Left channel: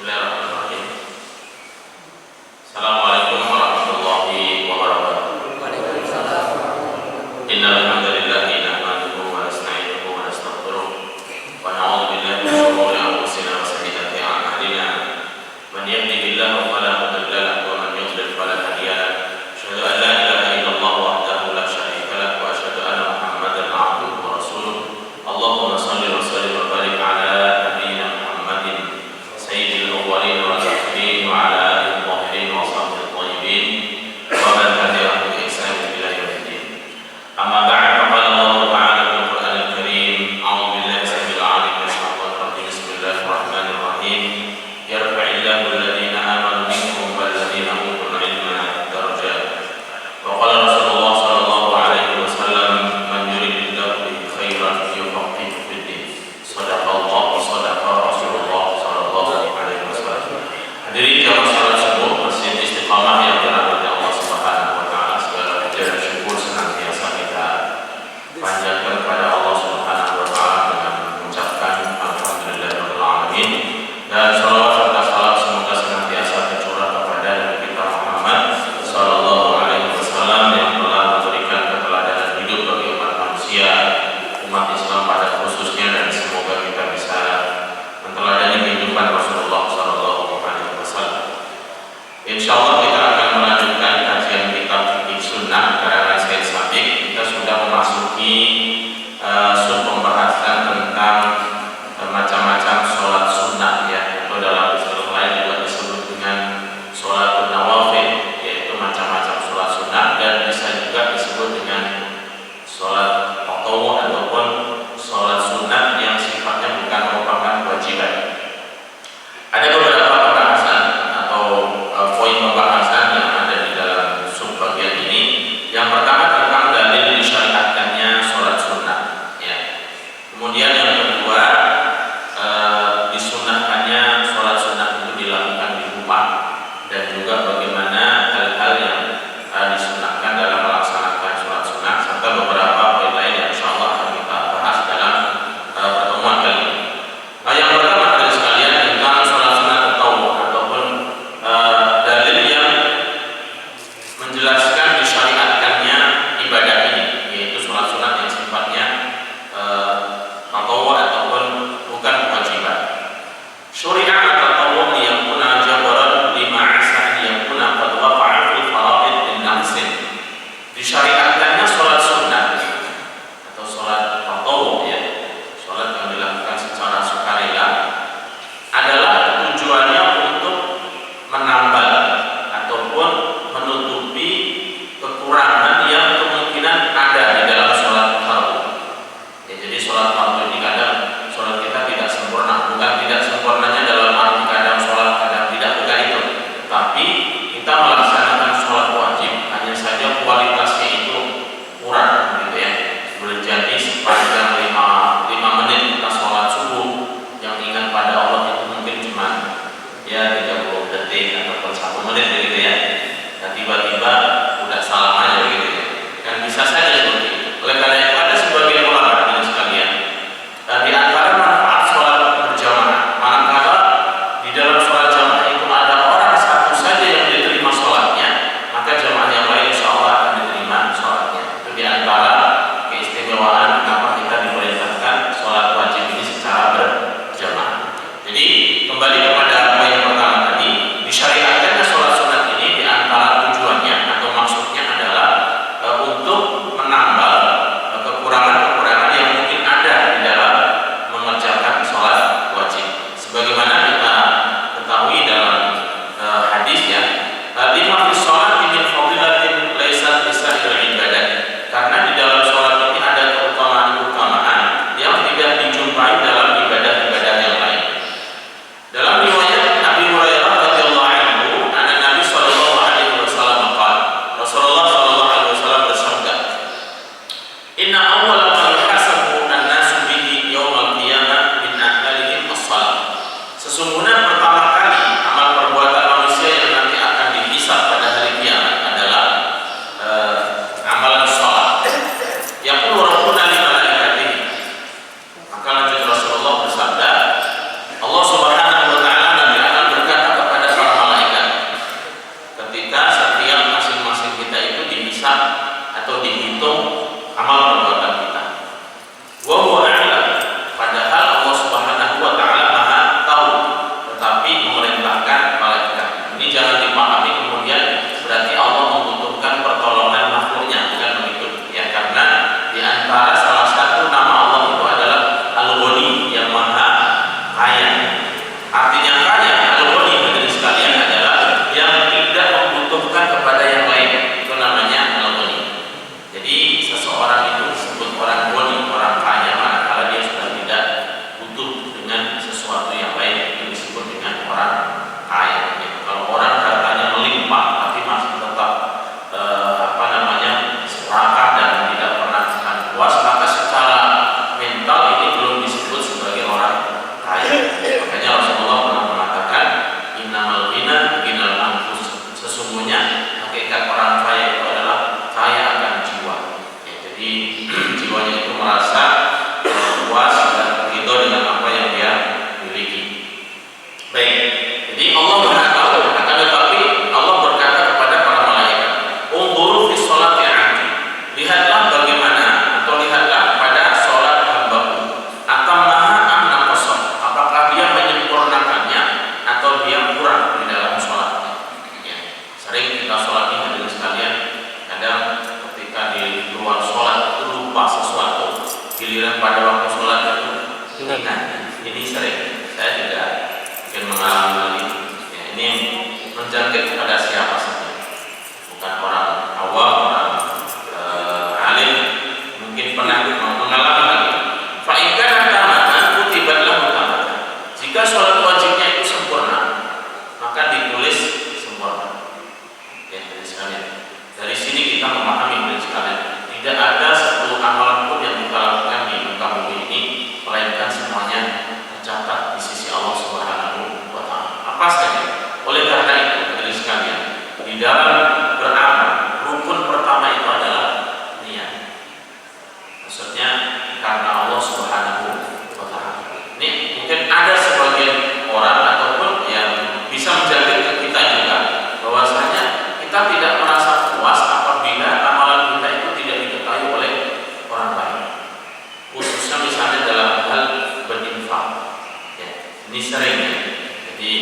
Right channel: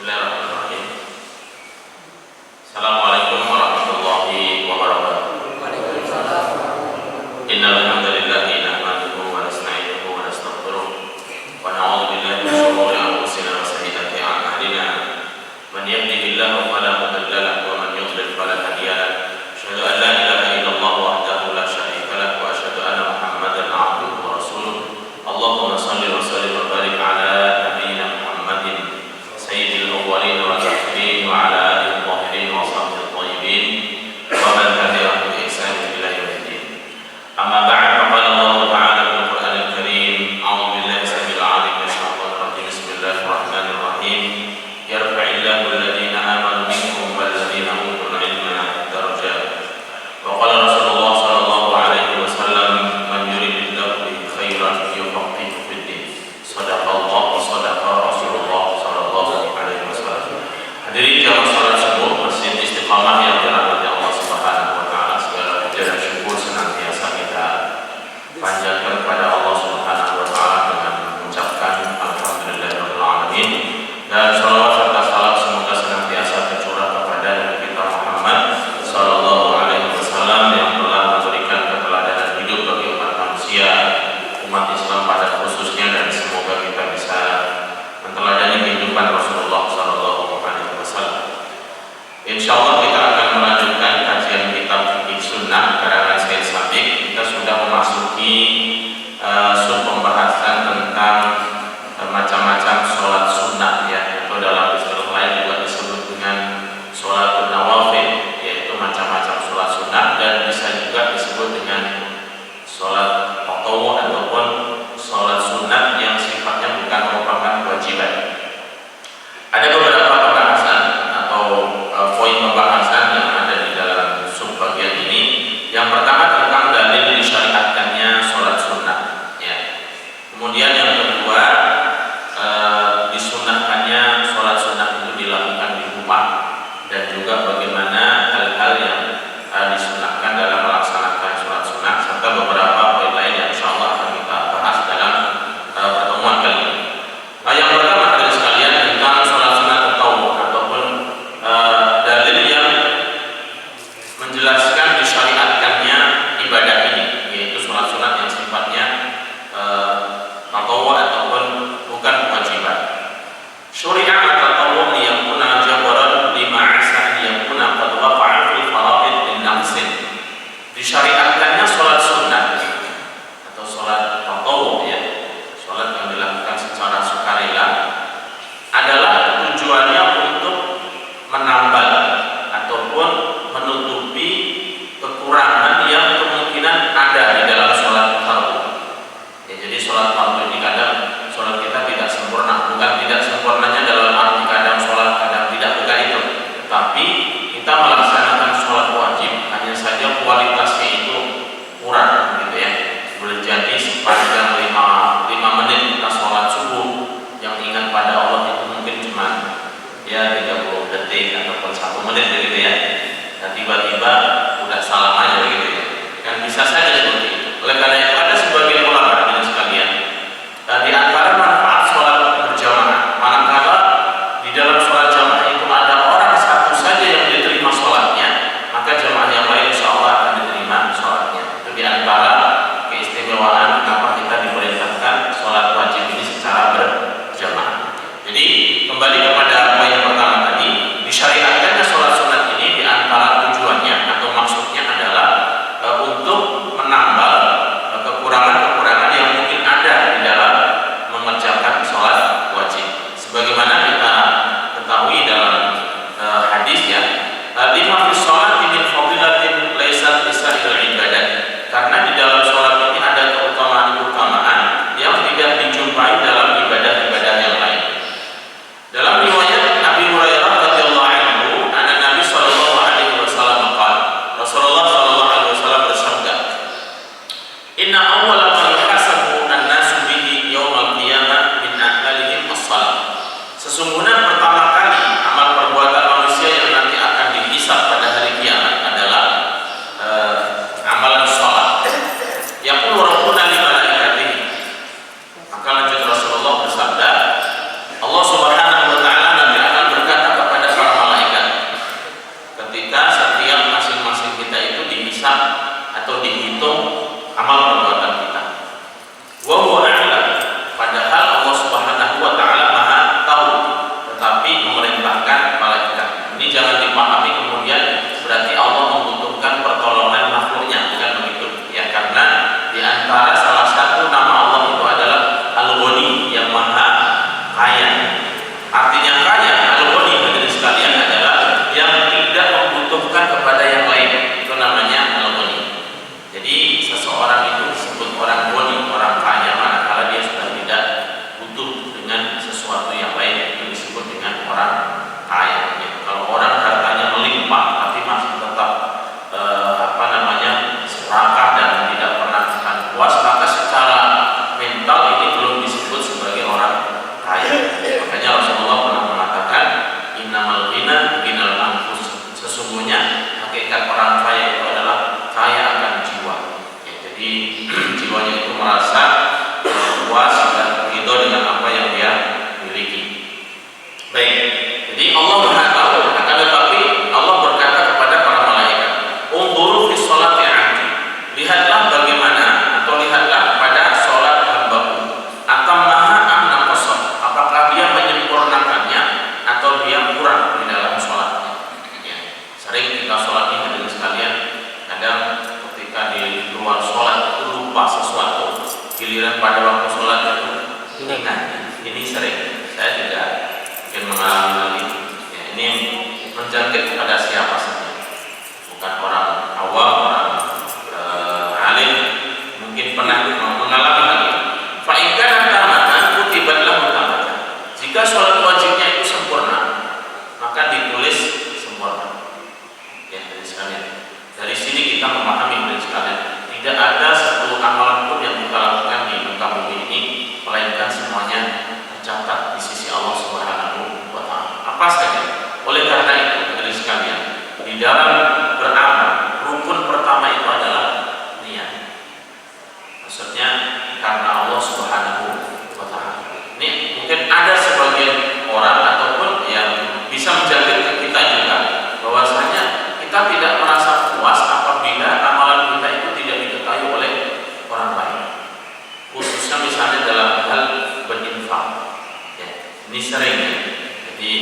Bismillahirrahmanirrahim. Assalamualaikum warahmatullahi wabarakatuh. Innal hamdalillahi nahmaduhu wa nasta'inuhu wa nastaghfiruh wa na'udzu billahi min shururi anfusina wa sayyiati a'malina. Man yahdihillahu fala mudilla lahu wa man yudlil fala hadiya lahu. Asyhadu an la ilaha illallah wahdahu la syarika lahu wa asyhadu anna Muhammadan 'abduhu wa rasuluh. Allahumma shalli wa sallim wa barik 'ala nabiyyina Muhammadin sayyidil awwalin wal akhirin wa 'ala alihi الطاهرين وصحبه الطيبين ومن تبعهم بإحسان إلى يوم الدين. أما بعد فقال الله تعالى في القرآن الكريم أعوذ بالله السميع العليم من الشيطان الرجيم بسم الله الرحمن الرحيم يرفع الله الذين آمنوا منكم والذين أوتوا العلم درجات وقال رسول الله صلى الله عليه وسلم من يريد الله به خيرا يفقهه في الدين صدق الله وصدق رسول الله صلى الله عليه وسلم. Hadirin jamaah salat subuh Masjid Istiqamah yang dirahmati Allah Subhanahu wa taala, segala puja dan syukur senantiasa kita panjatkan kepada Allah Subhanahu wa taala dengan mengucapkan alhamdulillahirabbil alamin, dan shalawat serta salam semoga senantiasa tercurah kepada Nabi kita Muhammad sallallahu alaihi wasallam yang telah memberikan keteladanan hidup bagi umat manusia, umat Islam pada khususnya, dan semoga kita bisa meneladani kehidupan Rasulullah sallallahu alaihi wasallam. Insyaallah kita akan melanjutkan kajian kitab Fiqh Sunnah karangan Syekh Sabiq. Kita sudah memasuki sub pembahasan tentang macam-macam sholat sunnah, ya, atau dalam istilah lain juga disebut dengan sholat nawafil, yaitu macam-macam sholat sunnah, dan bisa juga disebut dengan sholat tatawwu ataupun sholat sunnah yang sifatnya bukan merupakan kewajiban. Ada beberapa pembahasan atau poin pembahasan yang ada di dalam subbagian ini. Yang pertama tentang dalil disyariatkannya sholat sunnah, ya. Kemudian yang kedua, disunahkannya sholat sunnah itu dilakukan di rumah, dan juga bagaimana hal-hal yang disunahkan dalam melaksanakan sholat sunnah, serta beberapa poin lain yang insyaallah akan kita bahas dalam pertemuan kali ini. Yang pertama dari sekalian tentang sholat sunnah tatawwu ataupun dalil yang menjelaskan disyariatkannya ibadah ini, yaitu sholat sunat yang sifatnya tatawwu ataupun bukan kewajiban. Syuri'at tatawwu liyakuna jabaran lima asa liyakuna qad waqa'a fil faraid min naqsin. Disyariatkannya sholat sunat atau sholat tatawwu, ya, sholat yang dilakukan secara sukarela, adalah tujuannya untuk menambal ataupun menutupi kekurangan yang kemungkinan ada di dalam sholat fardu. Ya, jadi sholat fardu ini kadang sholat kita tidak sempurna, bukan tidak sempurnanya dalam arti kadang sholat kadang tidak, bukan itu, tapi kita melaksanakan sholat wajib, hanya saja kualitasnya itu kurang, gitu ya. Boleh jadi sepanjang 5 menit kita sholat subuh, yang ingat pada Allah itu mungkin cuma ya 30 detik ataupun 1 menit begitu ya. Dan tiba-tiba udah salam aja begitu ya. Kan bisa saja seperti itu. Oleh karena itu ada sebagian ulama hadirin sekalian, dan di antara manfaat sholat berjamaah, manakala di dalam sholat jamaah itu ada orang satu saja yang diterima sholatnya, maka jamaah yang lain insyaallah akan diterima sholatnya. Itu di antara keistimewaan kenapa kita diperintahkan sholat wajib ini secara berjamaah. Jadi kembali kepada poin yang pertama tadi, disyariatkannya sholat sunat ini di antara tujuannya atau maksudnya adalah untuk menambal kekurangan-kekurangan yang mungkin ada di dalam mengerjakan sholat wajib. Sebagaimana kita ketahui dalam hadis, ya, lima fi sholati min fadilatin laysat lisa'il ibadat. Karena di dalam sholat ini ada keutamaan-keutamaan yang tidak dijumpai dalam ibadah-ibadah yang lain. Dalam riwayat Abi Hurairah radhiyallahu anhu, anna Nabi sallallahu alaihi wasallam qala, Rasulullah sallallahu alaihi wasallam bersabda, "Inna awwala ma yuhasabu an-nasu bihi yaumil qiyamah min a'malihim as-shalah." Sesungguhnya pertama kali amal perbuatan manusia yang nanti akan dihisab pada hari kiamat adalah amalan shalah. Yaqulu rabbuna li malaikatihi. Maka lanjut Rasulullah bersabda, Allah Subhanahu wa taala nanti akan orang kaya. Ya. Kalau orang hartanya melimpah tapi masih tetap serakah dan tidak pernah akan puas, maka secara mental ini belum disebut sebagai orang kaya. Makanya Rasulullah pernah mengatakan, innamal ghina ghinal anfus. Sesungguhnya hakikat orang kaya itu adalah kaya akan jiwa. Ya, jadi jiwanya itu merasa puas dan ridho dengan apa yang dia miliki. Baik, jadi Allah Maha tahu, akan tetapi Allah berkata kepada para malaikat, "Unzuru fi sholati 'abdi." Lihatlah bagaimana atau lihatlah pada sholat hambaku. Atammaha am naqasa. Apakah dia menyempurnakannya atau dia kurang di dalam sholatnya? Ya. Sering kita sholat ini hadirin sekalian, kadang ketika di luar sholat itu lupa sesuatu, giliran pada waktu sholat itu ingat. Ini sering, saya juga mungkin mengalami hal ini. Ya, ini menjangkit kepada siapa saja, bukan orang awam, orang alim, mungkin pernah mengalami hal ini. Fa in kana tamatan kutibat lahu tamatan. Jika sholat wajibnya itu sempurna, maka ditulis sempurna. Ya, dari sekalian. Dari sini kita memahami dari sekalian, tidak ada satu amalan pun yang kita lakukan di muka bumi ini melainkan semuanya tercatat di sisi Allah Subhanahu wa taala. Apa saja. Oleh karena itu, dari sekalian, di dalam beramal, rukun pertama itu adalah niat. Maksudnya karena Allah Subhanahu wa taala. Ini mungkin ada sebagian orang ataupun yang bisa menjadi ke kita juga bahwasanya kita tidak merasa puas apabila amalan kita itu tidak diketahui oleh orang lain. Khususnya misalnya dalam hal berinfak. Ya, ini sering ya. Jadi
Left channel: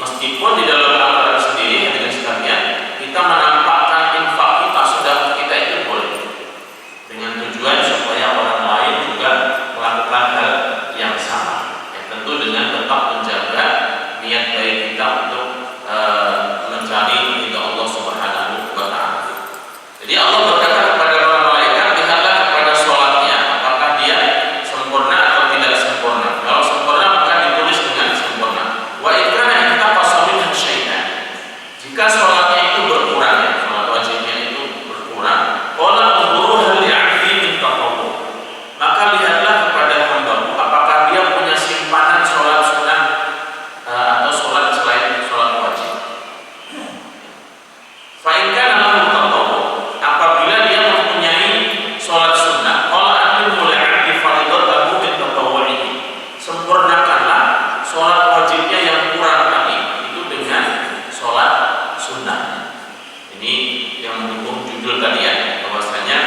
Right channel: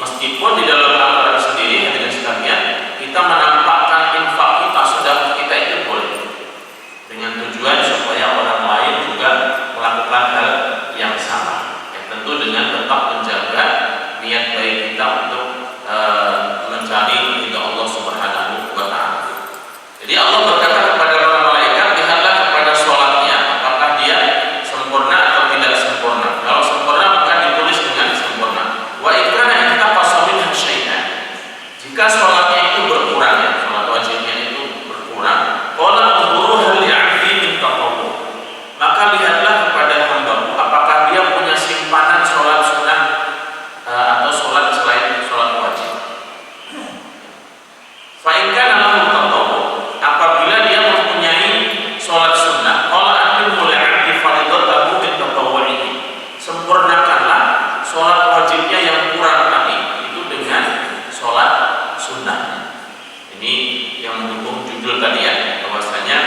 meskipun di dalam amalan sendiri dengan sekalian kita menampakkan infak kita, sedekah kita itu boleh, dengan tujuan supaya orang lain juga melakukan hal yang sama. Ya, tentu dengan tetap menjaga niat baik kita untuk mencari ridha Allah Subhanahu wa taala. Jadi Allah berkata kepada para malaikat, lihatlah kepada sholatnya, apakah dia sempurna atau tidak sempurna. Kalau sempurna maka ditulis dengan sempurna. Wa in kana intaqasa minhu syai'an. Jika sholatnya itu berkurang, ya, sholat wajibnya itu berkurang, qala unzuru hal li'abdi min tatawwu. Maka lihatlah kepada hambaku, apakah dia punya simpanan sholat sunnah atau sholat selain sholat wajib. Fa in kana lahu tatawwu, apabila dia mempunyai sholat sunnah, qala atimmu li'abdi fardhatahu min tatawwu'ihi. Sempurnakanlah sholat wajibnya yang kurang tadi itu dengan sholat sunnah. Ini yang mendukung judul tadi ya, bahwasanya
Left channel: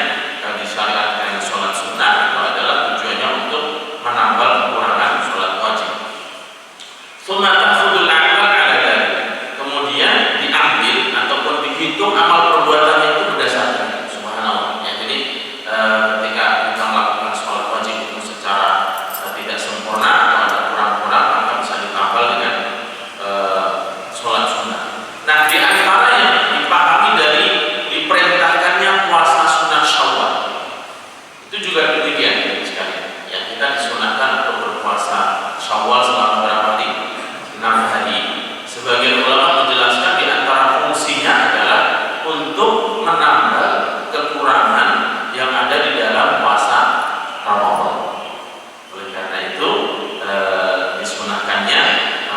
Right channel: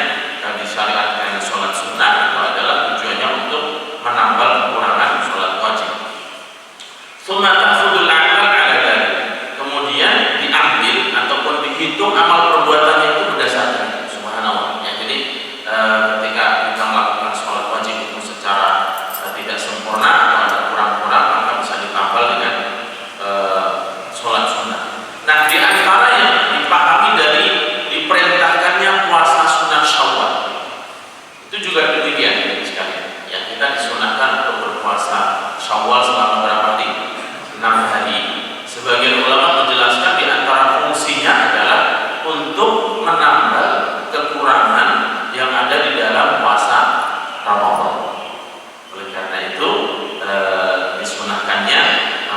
disyariatkan sholat sunnah itu adalah tujuannya untuk menambal kekurangan sholat wajib. Tsumma ta'khudul a'mal 'ala dzalik. Kemudian diambil ataupun dihitung amal perbuatannya itu berdasarkan. Subhanallah. Ya, jadi ketika kita melakukan sholat wajib itu secara tidak sempurna atau ada kurang-kurang, maka bisa ditambal dengan sholat sunnah. Nah, di antara yang dipahami dari diperintahkannya puasa sunnah Syawal, itu juga demikian sekali. Ya, kita disunahkan untuk berpuasa Syawal selama berapa hari? 6 hari. Sebagian ulama menjelaskan di antara fungsinya adalah untuk menambal kekurangan yang ada di dalam puasa Ramadan. Oleh karena itu disunahkannya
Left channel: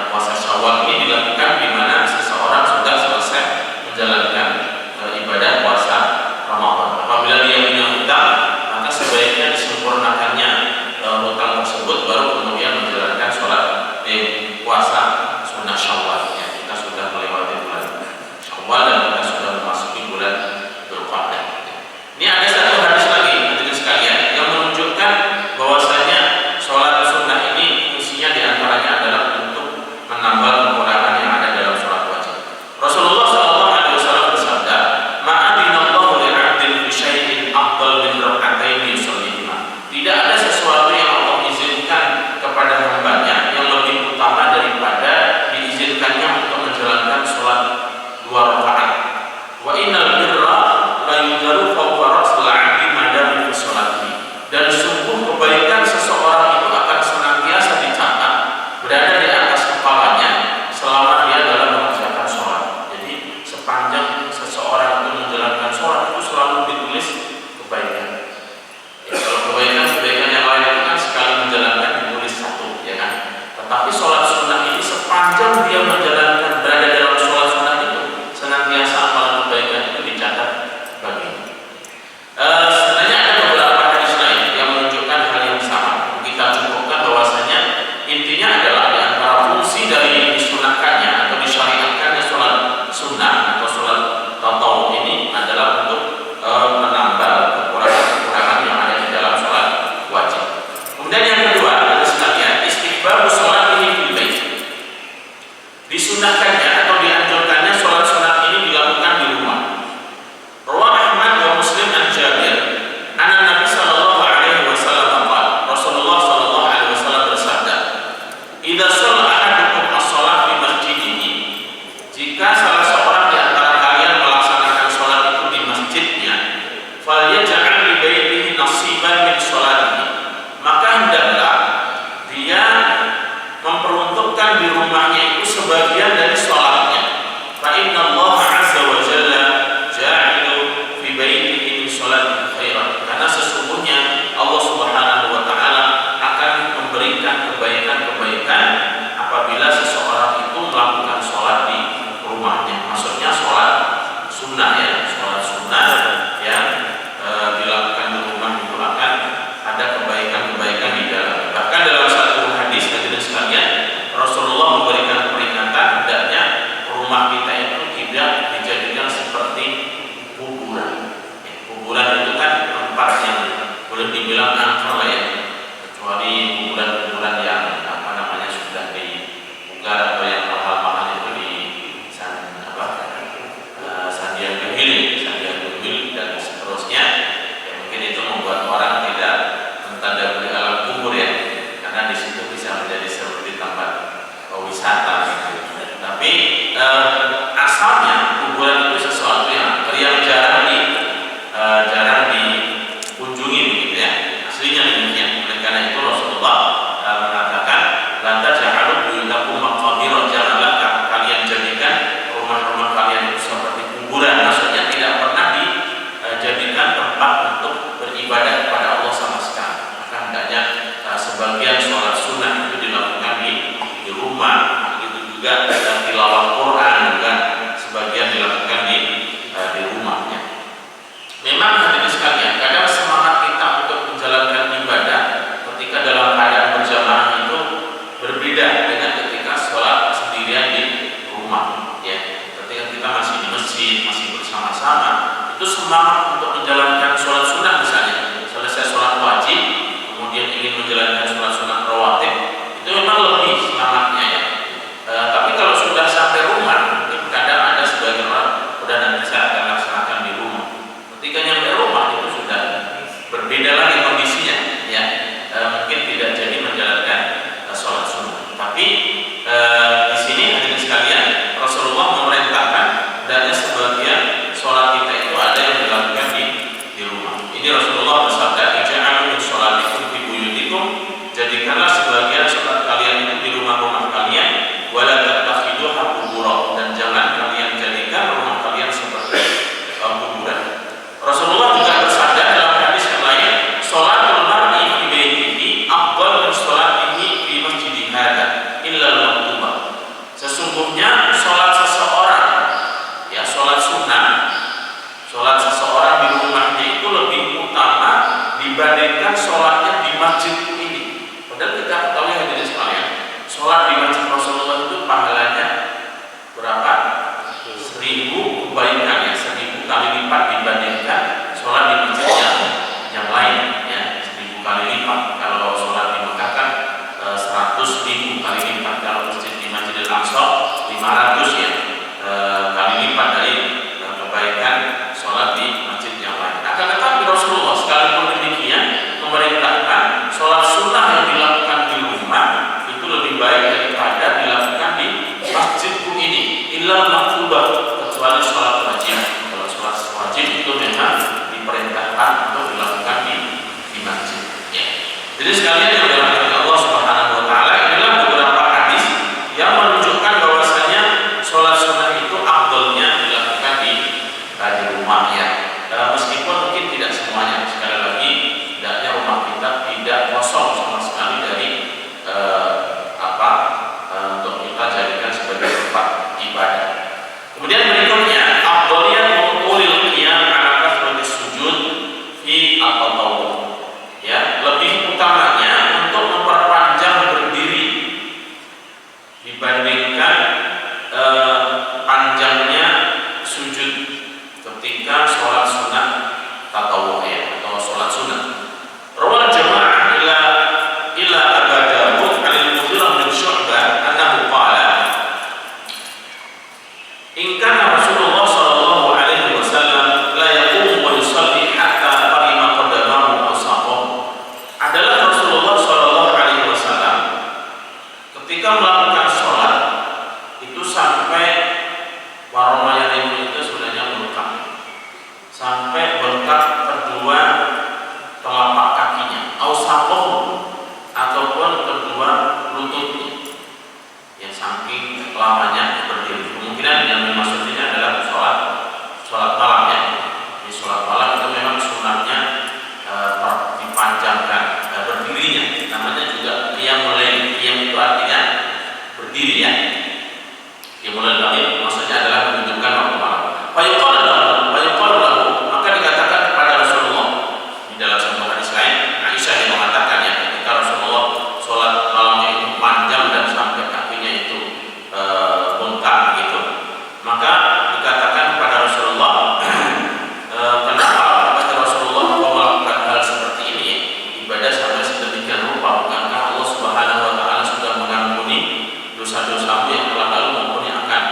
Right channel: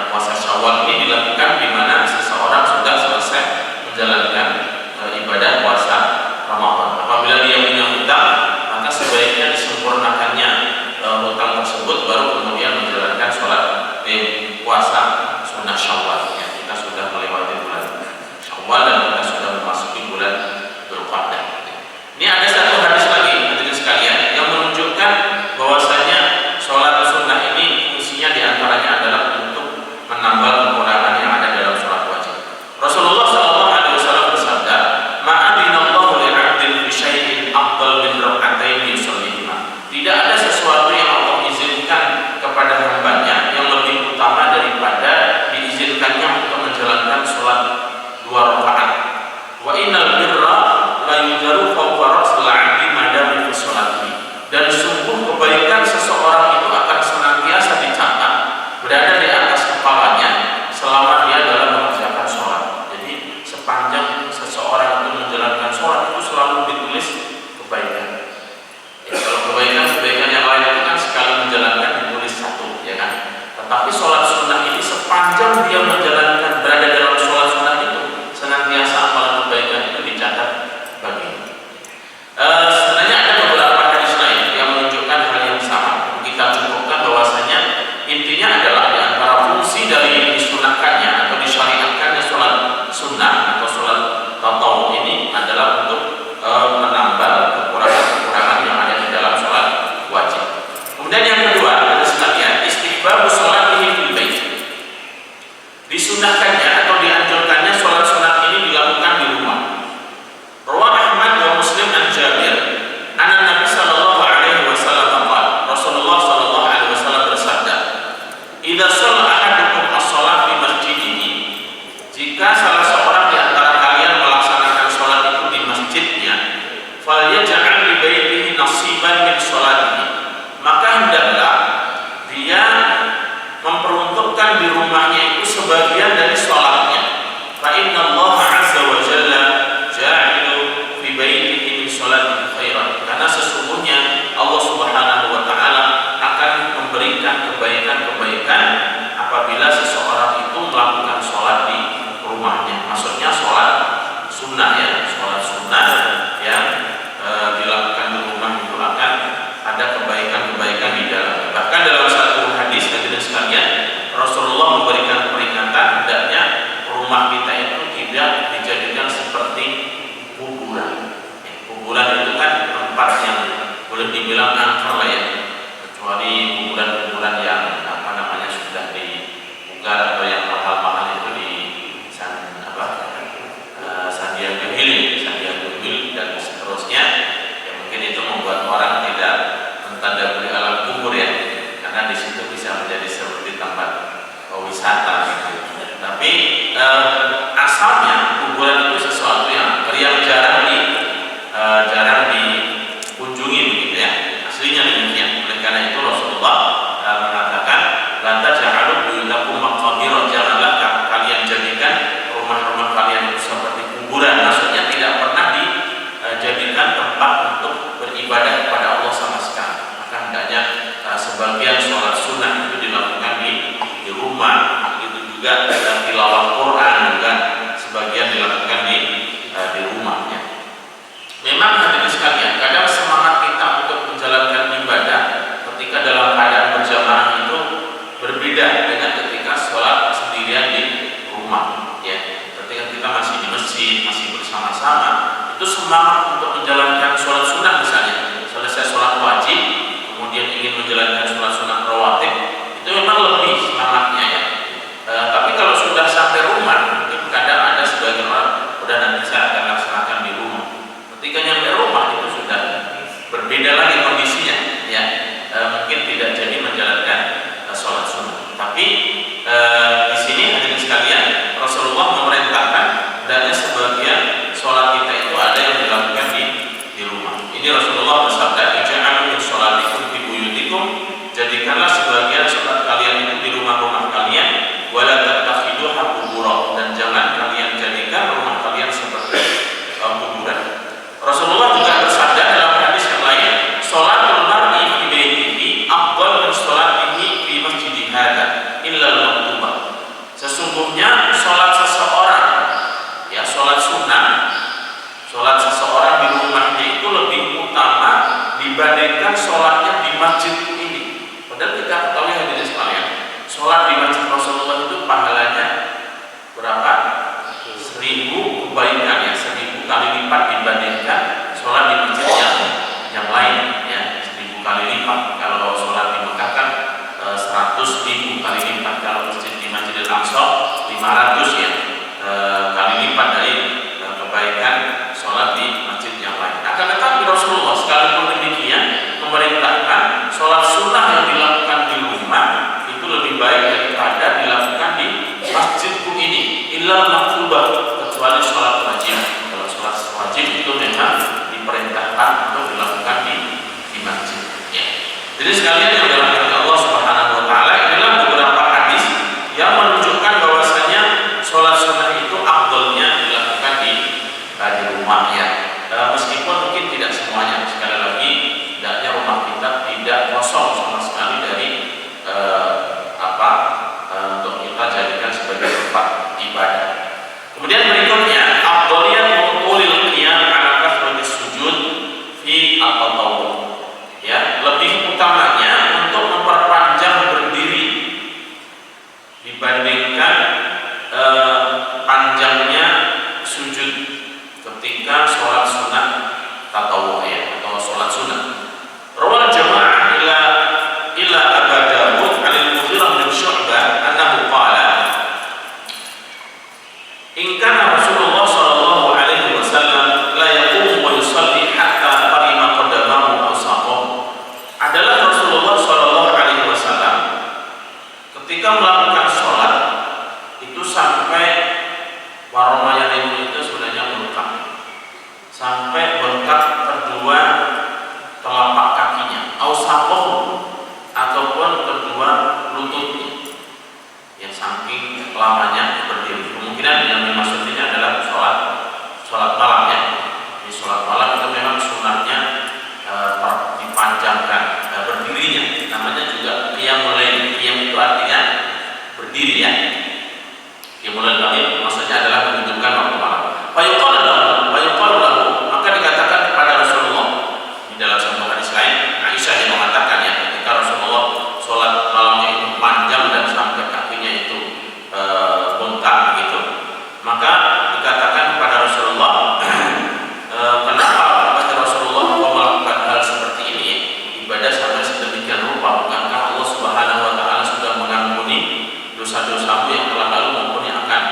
puasa Syawal ini dilakukan di mana seseorang sudah selesai menjalankan ibadah puasa Ramadan. Apabila dia punya hutang, maka sebaiknya disempurnakannya hutang tersebut, baru kemudian menjalankan sholat puasa sunnah Syawal. Ya, kita sudah melewati bulan Syawal dan kita sudah memasuki bulan Dzulqa'dah. Ini ada satu hadis lagi hadirin sekalian yang menunjukkan bahwasanya sholat sunnah ini fungsinya diantaranya adalah untuk menambal kekurangan yang ada dalam sholat wajib. Rasulullah SAW Disunahkannya atau dianjurkannya sholat sunat ini dilakukan di rumah. Rawah Ahmad wa Muslim an Jabir, anna Nabi sallallahu alaihi wasallam qala, Rasulullah sallallahu alaihi wasallam bersabda, "Idza shalla ahadukum as-shalah fi masjidihi," jika salah seorang di antara kalian melaksanakan sholat itu di masjidnya, falyaj'al li baitihi nasiban min sholatihi, maka hendaklah dia memperuntukkan di rumahnya itu sebagian dari sholatnya. Fa inna Allah azza wa jalla ja'ilu fi baitihi min sholatihi khairan, karena sesungguhnya Allah subhanahu wa ta'ala akan memberikan kebaikan-kebaikan apabila seseorang itu melakukan sholat di rumahnya. Maksudnya sholat sunnah ya, sholat sunnah yang dilakukan di rumah itu akan ada kebaikan-kebaikan di dalamnya. Bahkan dalam satu hadis hadirin sekalian, Rasulullah memberikan peringatan hendaknya rumah kita itu tidak dijadikan seperti kuburan. Kuburan itu kan tempat yang boleh dibilang angker lah ya, kecuali kuburan-kuburan yang sudah dibugar atau yang mahal-mahal itu di Sandiaga Hill dan seterusnya. Ya, mungkin itu membuat orang tidak mentadaburi alam kubur ya, karena di situ bisa menjadi seperti tempat wisata gitu. Tapi asalnya kuburan itu sesuatu yang jarang dikunjungi begitu ya. Aslinya demikian. Oleh karena itu Rasulullah mengatakan, "La taj'alu buyutakum maqabira," janganlah kalian jadikan rumah-rumah kalian itu seperti kuburan. Maksudnya tidak pernah dijadikan tempat untuk beribadah kepada Allah sama sekali. Maka hendaknya sebagian sholat sunnah itu dilakukan di rumah. Begitu juga tilawah Quran juga sebagian dilakukan di rumahnya. Memang hadirin sekalian, kadang semangat kita untuk menjalankan ibadah ketika dalam keadaan berjamaah itu berbeda dengan ketika sholat sendirian di rumah. Ya, ketika kita masih di masjid, masih bersama-sama, itu semangat untuk menjalankan sholat sunnah misalnya. Selesai sholat wajib, kemudian ingin menjalankan sholat sunnah rawatib, itu memang lebih semangatnya ya. Tapi kalau sudah sampai rumah, mungkin kadang ada sebagian orang, udah nanti saya akan laksanakan di rumah. Ketika nyampe rumah itu sudah berbeda lagi kondisinya ya. Mungkin tidak jadi menjalankan sholat sunnah. Tapi di sini hadirin sekalian, Rasulullah memerintahkan hendaknya sebagian sholat kita itu ada yang dilakukan di rumah. Ini Rasulullah bersabda, "Ij'alu min sholatikum fi buyutikum," jadikanlah sebagian sholat kalian itu di rumah-rumah kalian, wala tattakhiduha qubura, dan jangan kalian jadikan rumah kalian seperti kuburan. Rasulullah juga bersabda dalam hadis yang lain, "Sholatul mar'i fi baitihi afdal min sholatihi fi masjidi hadza illa al-maktubah." Sesungguhnya sholat seseorang ya, sholat sunnah, sholat seseorang di rumahnya itu lebih utama dibandingkan sholatnya di masjid ini. Padahal kita ketahui hadirin sekalian, sholat di masjid Rasulullah itu pahalanya berapa? 1000 kebaikan ya, 1000 kali lipat dibandingkan sholat di masjid yang lain ya, 1000 kali lipat. Kalau sholat di Mekah kan 100.000 kali lipat, kalau masjid di Masjidil Aqsa 500 ya kali lipat dari kebaikan sholat di masjid yang lain. Akan tetapi Rasulullah sekalipun demikian memerintahkan sholat sunnah yang dilakukan di rumah itu lebih baik daripada dilakukan di masjidku ini, illal maktubah, kecuali sholat wajib. Kalau sholat wajib itu memang diperintahkan untuk dilakukan di masjid ya. Jadi sekalian yang dirahmati Allah Subhanahu wa taala, inilah beberapa hadis yang menunjukkan bahwasanya sholat sunnah itu afdalnya dilakukan di rumah ya. Meskipun mungkin tidak semuanya, sekali lagi hendaknya rumah kita tidak kosong sama sekali dari untuk kita jadikan sebagai tempat ibadah. Kemudian berikutnya, afdaliyat muqulil qiyam ala kasratis sujud fi at-tatawwu. Ya, lebih utamanya untuk memperpanjang berdiri dibandingkan panjangnya sujud ketika sholat sunnah tatawwu ya, atau sholat sunnah. Rawal jamaah ila Abu Dawud 'an al-Mughirah bin Syu'bah annahu qala saking lamanya berdiri. Kemungkinan yang dimaksud ini adalah sholat malam ya. Di sholat malam itu memang sunnahnya dipanjangkan berdirinya. Namanya juga qiyamul lail. Qiyam itu artinya berdiri ya. Qiyamul lail maksudnya adalah menunjukkan waktu malam. Fayuqalu lahu, maka dikatakan kepada Rasulullah di dalam sebuah hadis lain, Aisyah yang mengatakan ya, ketika Rasulullah sholat malamnya itu panjang dan sampai kakinya itu bengkak begitu, maka dikatakan kepada Rasulullah, kenapa kata Rasulullah kau melakukan hal seperti ini ya? Ibadah sampai sedemikian rupa, bukankah Allah Subhanahu wa taala sudah mengampuni dosa-dosamu yang telah lalu maupun yang akan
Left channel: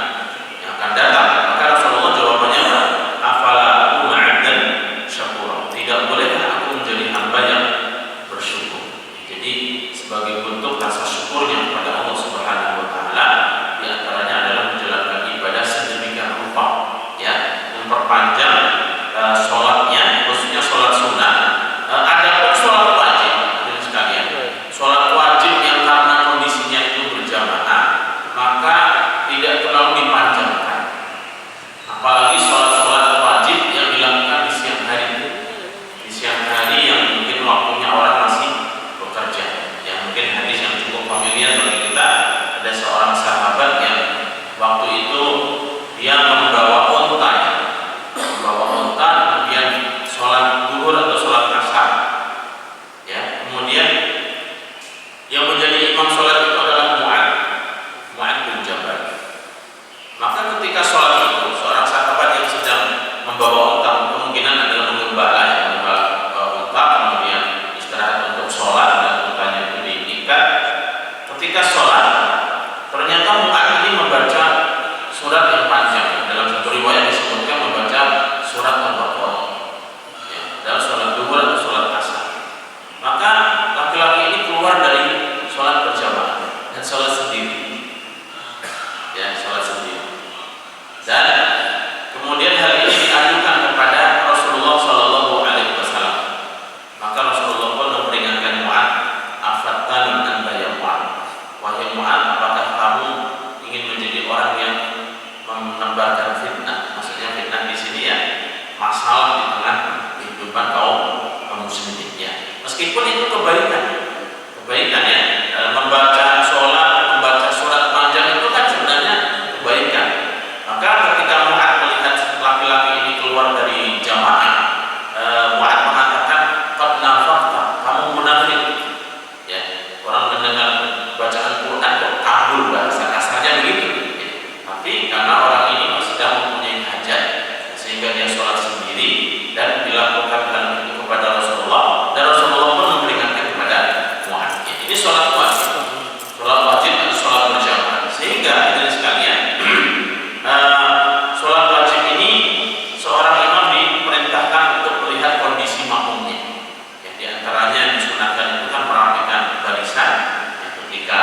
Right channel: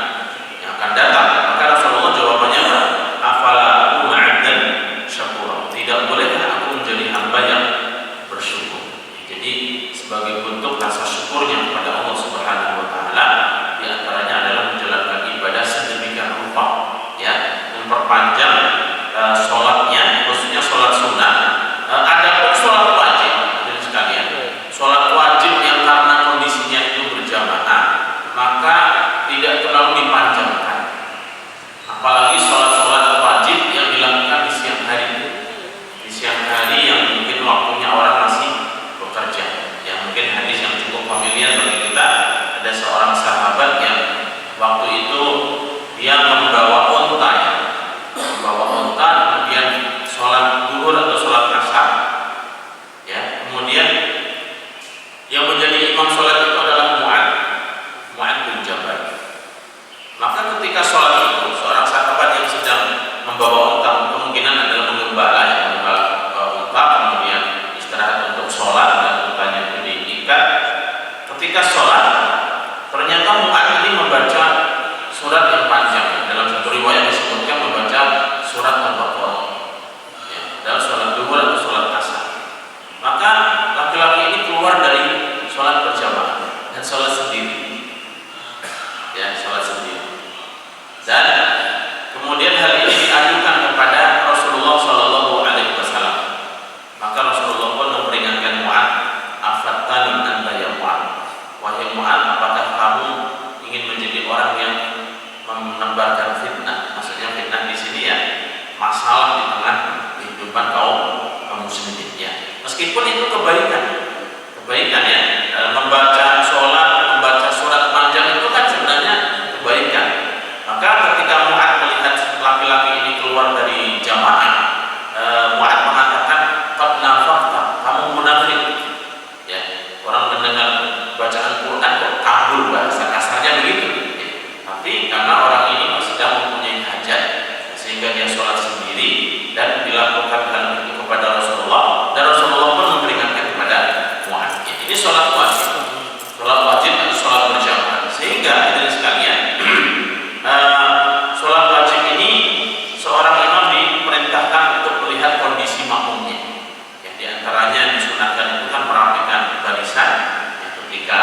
datang? Maka Rasulullah jawabannya, afala aku ma'abdan syakura, tidak bolehkah aku menjadi hamba yang bersyukur. Jadi sebagai bentuk rasa syukurnya kepada Allah Subhanahu wa taala, di antaranya adalah menjalankan ibadah sedemikian rupa ya, memperpanjang sholatnya, khususnya sholat sunnah. Adapun sholat wajib, hadirin sekalian, sholat wajib yang karena kondisinya itu berjamaah, maka tidak terlalu dipanjangkan. Apalagi sholat-sholat wajib yang dilakukan di siang hari. Di siang hari yang mungkin waktunya orang masih bekerja. Ya mungkin hadis yang cukup familiar bagi kita, ada seorang sahabat yang waktu itu dia membawa unta ya. Membawa unta, kemudian sholat zuhur atau sholat asar ya. Kemudian yang menjadi imam sholat itu adalah Mu'adz bin Jabal. Maka ketika sholat itu, seorang sahabat yang sedang membawa unta, kemungkinan adalah mengembala ya, unta, kemudian istirahat untuk sholat dan untanya itu diikat. Ketika sholat, ternyata Mu'adz ini membaca surat yang panjang. Dalam satu riwayat disebutkan membaca surat Al-Baqarah ya, dalam sholat zuhur atau sholat asar. Maka laki-laki ini keluar dari sholat berjamaah dan sholat sendiri ya, sholat sendiri. Dan kemudian hal ini diajukan kepada Rasulullah Shallallahu Alaihi Wasallam. Maka Rasulullah pun memperingatkan Mu'adz, afattani anta ya Mu'adz, wahai Mu'adz, apakah kamu ingin menjadi orang yang menebarkan fitnah? Maksudnya fitnah di sini ya, masalah di tengah kehidupan kaum muslimin ya. Meskipun itu kebaikan ya, membaca sholat, membaca surat panjang itu kan sebenarnya kebaikan. Maka ketika Mu'adz melihat laki-laki ini keluar dari jamaah, Mu'adz mengatakan, qad nafaqta, kamu munafik ya. Orang mendengar bacaan Quran kok kabur, bahasa kasarnya begitu ya. Tapi karena orang ini sedang mempunyai hajat sehingga dia sholat sendiri dan dilakukan hal itu kepada Rasulullah, dan Rasulullah pun memperingatkan kepada Mu'adz ya. Ini sholat wajib dan sholat berjamaah. Sehingga hadirin sekalian, sholat wajib ini seorang imam diperintahkan untuk melihat kondisi makmumnya ya. Di antaranya disunahkan itu kan merapikan barisan ya, ketika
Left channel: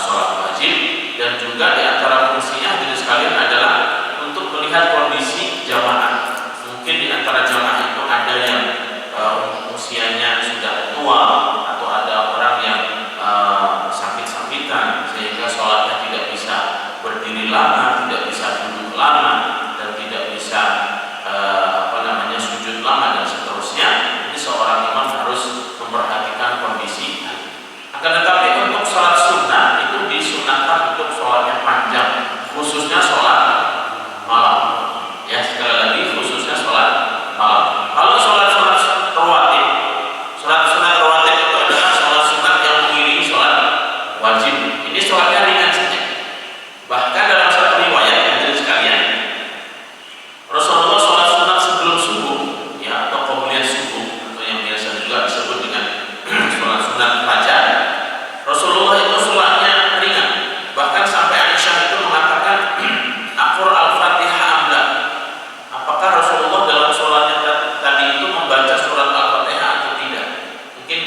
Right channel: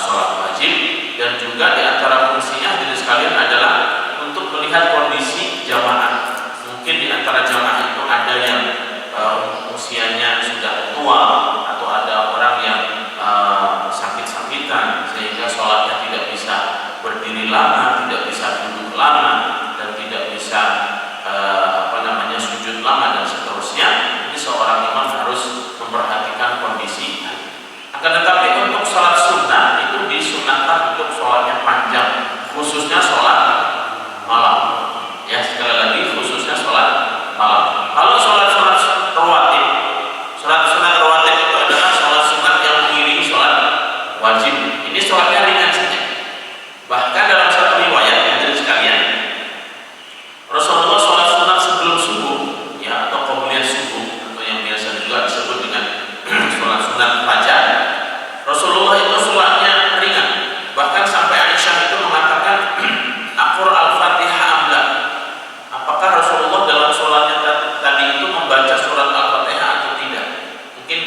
sholat wajib, dan juga di antara fungsinya hadirin sekalian adalah untuk melihat kondisi jamaah. Mungkin di antara jamaah itu ada yang usianya sudah tua, atau ada orang yang sakit-sakitan sehingga sholatnya tidak bisa berdiri lama, tidak bisa duduk lama, dan tidak bisa sujud lama dan seterusnya. Jadi seorang imam harus memperhatikan kondisi. Akan tetapi untuk sholat sunnah itu disunahkan untuk sholatnya panjang, khususnya sholat malam ya. Sekali lagi, khususnya sholat malam. Kalau sholat rawatib, sholat sunat rawatib itu adalah sholat sunat yang mengiringi sholat wajib. Ini sholatnya ringan saja. Bahkan dalam satu riwayat yang jadi sekalian, Rasulullah sholat sunat sebelum subuh ya, atau qobliyah subuh, atau yang biasa juga disebut dengan sholat sunat fajar. Rasulullah itu sholatnya ringan. Bahkan sampai Aisyah itu mengatakan, Aqra al-Fatihah amla. Apakah Rasulullah dalam sholatnya tadi itu membaca surat Al-Fatihah atau tidak? Mungkin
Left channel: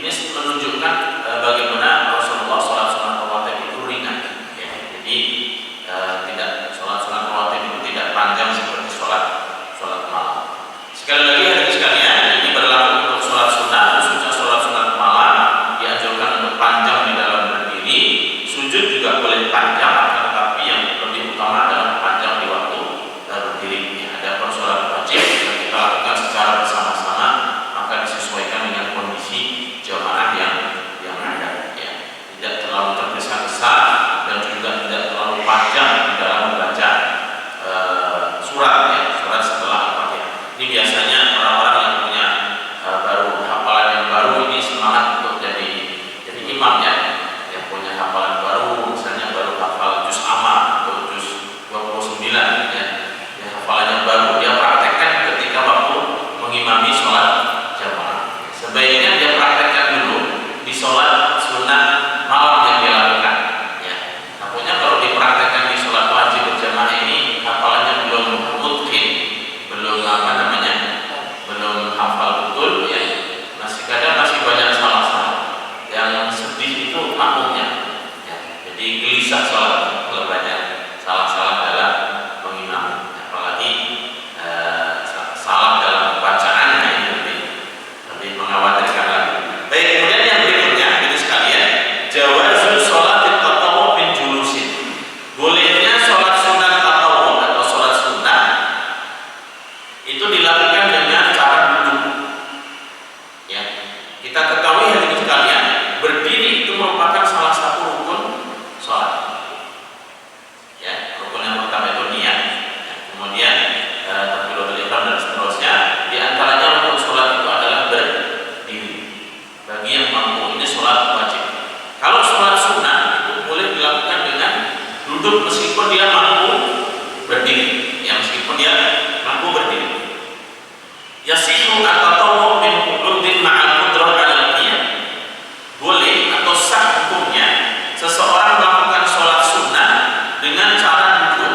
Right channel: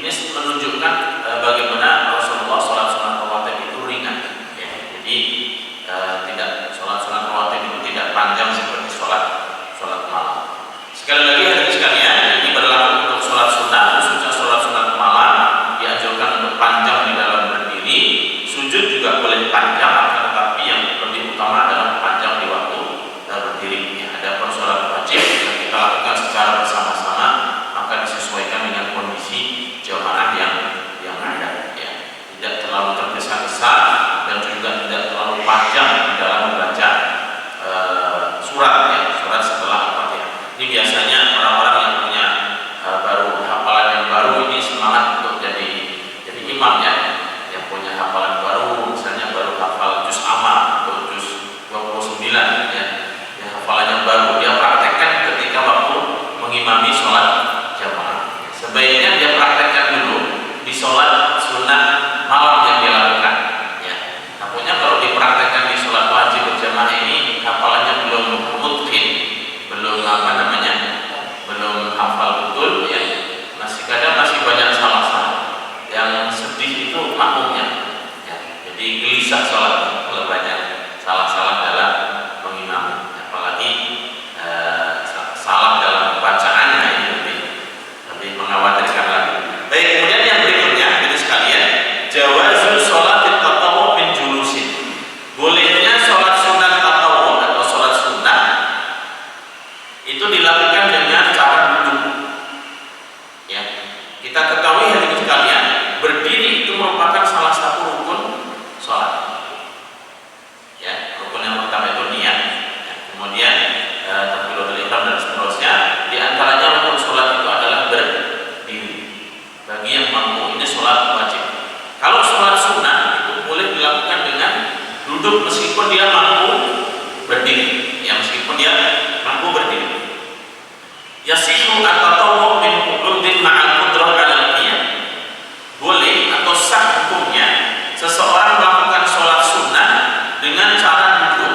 ini menunjukkan bagaimana Rasulullah sholat sunat rawatib itu ringan ya. Jadi tidak, sholat sunat rawatib itu tidak panjang seperti sholat malam. Sekali lagi hadirin sekalian, ini berlaku untuk sholat sunat, khususnya sholat sunat malam dianjurkan untuk panjang di dalam berdiri. Sujud juga boleh panjang panjang di dalam membaca surat ya, surat setelah Al-Fatihah. Ini biasanya orang-orang yang punya baru hafalan yang baru ini semangat untuk jadi imam ya, yang punya hafalan baru, misalnya baru hafal juz amma atau juz 29 ya, hafalan yang baru dia praktekkan ketika waktu mengimami sholat jamaah. Sebaiknya dia praktekkan dulu di sholat sunnah malam yang dia lakukan ya. Nampaknya kalau dipraktekkan di sholat wajib berjamaah ini hafalannya belum mutqin, belum belum hafal betul ya, kadang masih banyak salah-salah. Yang sedih itu makmumnya ya. Jadi gelisah sholat kalau banyak salah-salah dalam mengimami, apalagi salah dalam bacaannya, ini lebih mengkhawatirkan lagi. Baik, kemudian yang berikutnya itu sekalian, jawazul sholat tatawwu min julusin. Bolehnya sholat sunat tatawwu atau sholat sunat itu dilakukan dengan cara duduk ya. Kita ketahui hadirin sekalian, berdiri itu merupakan salah satu rukun sholat ya. Rukun yang pertama itu niat ya. Kemudian takbiratul ihram dan seterusnya. Di antaranya rukun sholat itu adalah berdiri. Bagi yang mampu, ini sholat wajib. Kalau sholat sunnah itu boleh dilakukan dengan duduk meskipun dia mampu berdiri ya, meskipun dia mampu berdiri. Yasihu at-tatawwu min qu'udin ma'al qudrah 'alal qiyam. Boleh atau sah hukumnya seseorang melakukan sholat sunnah dengan cara duduk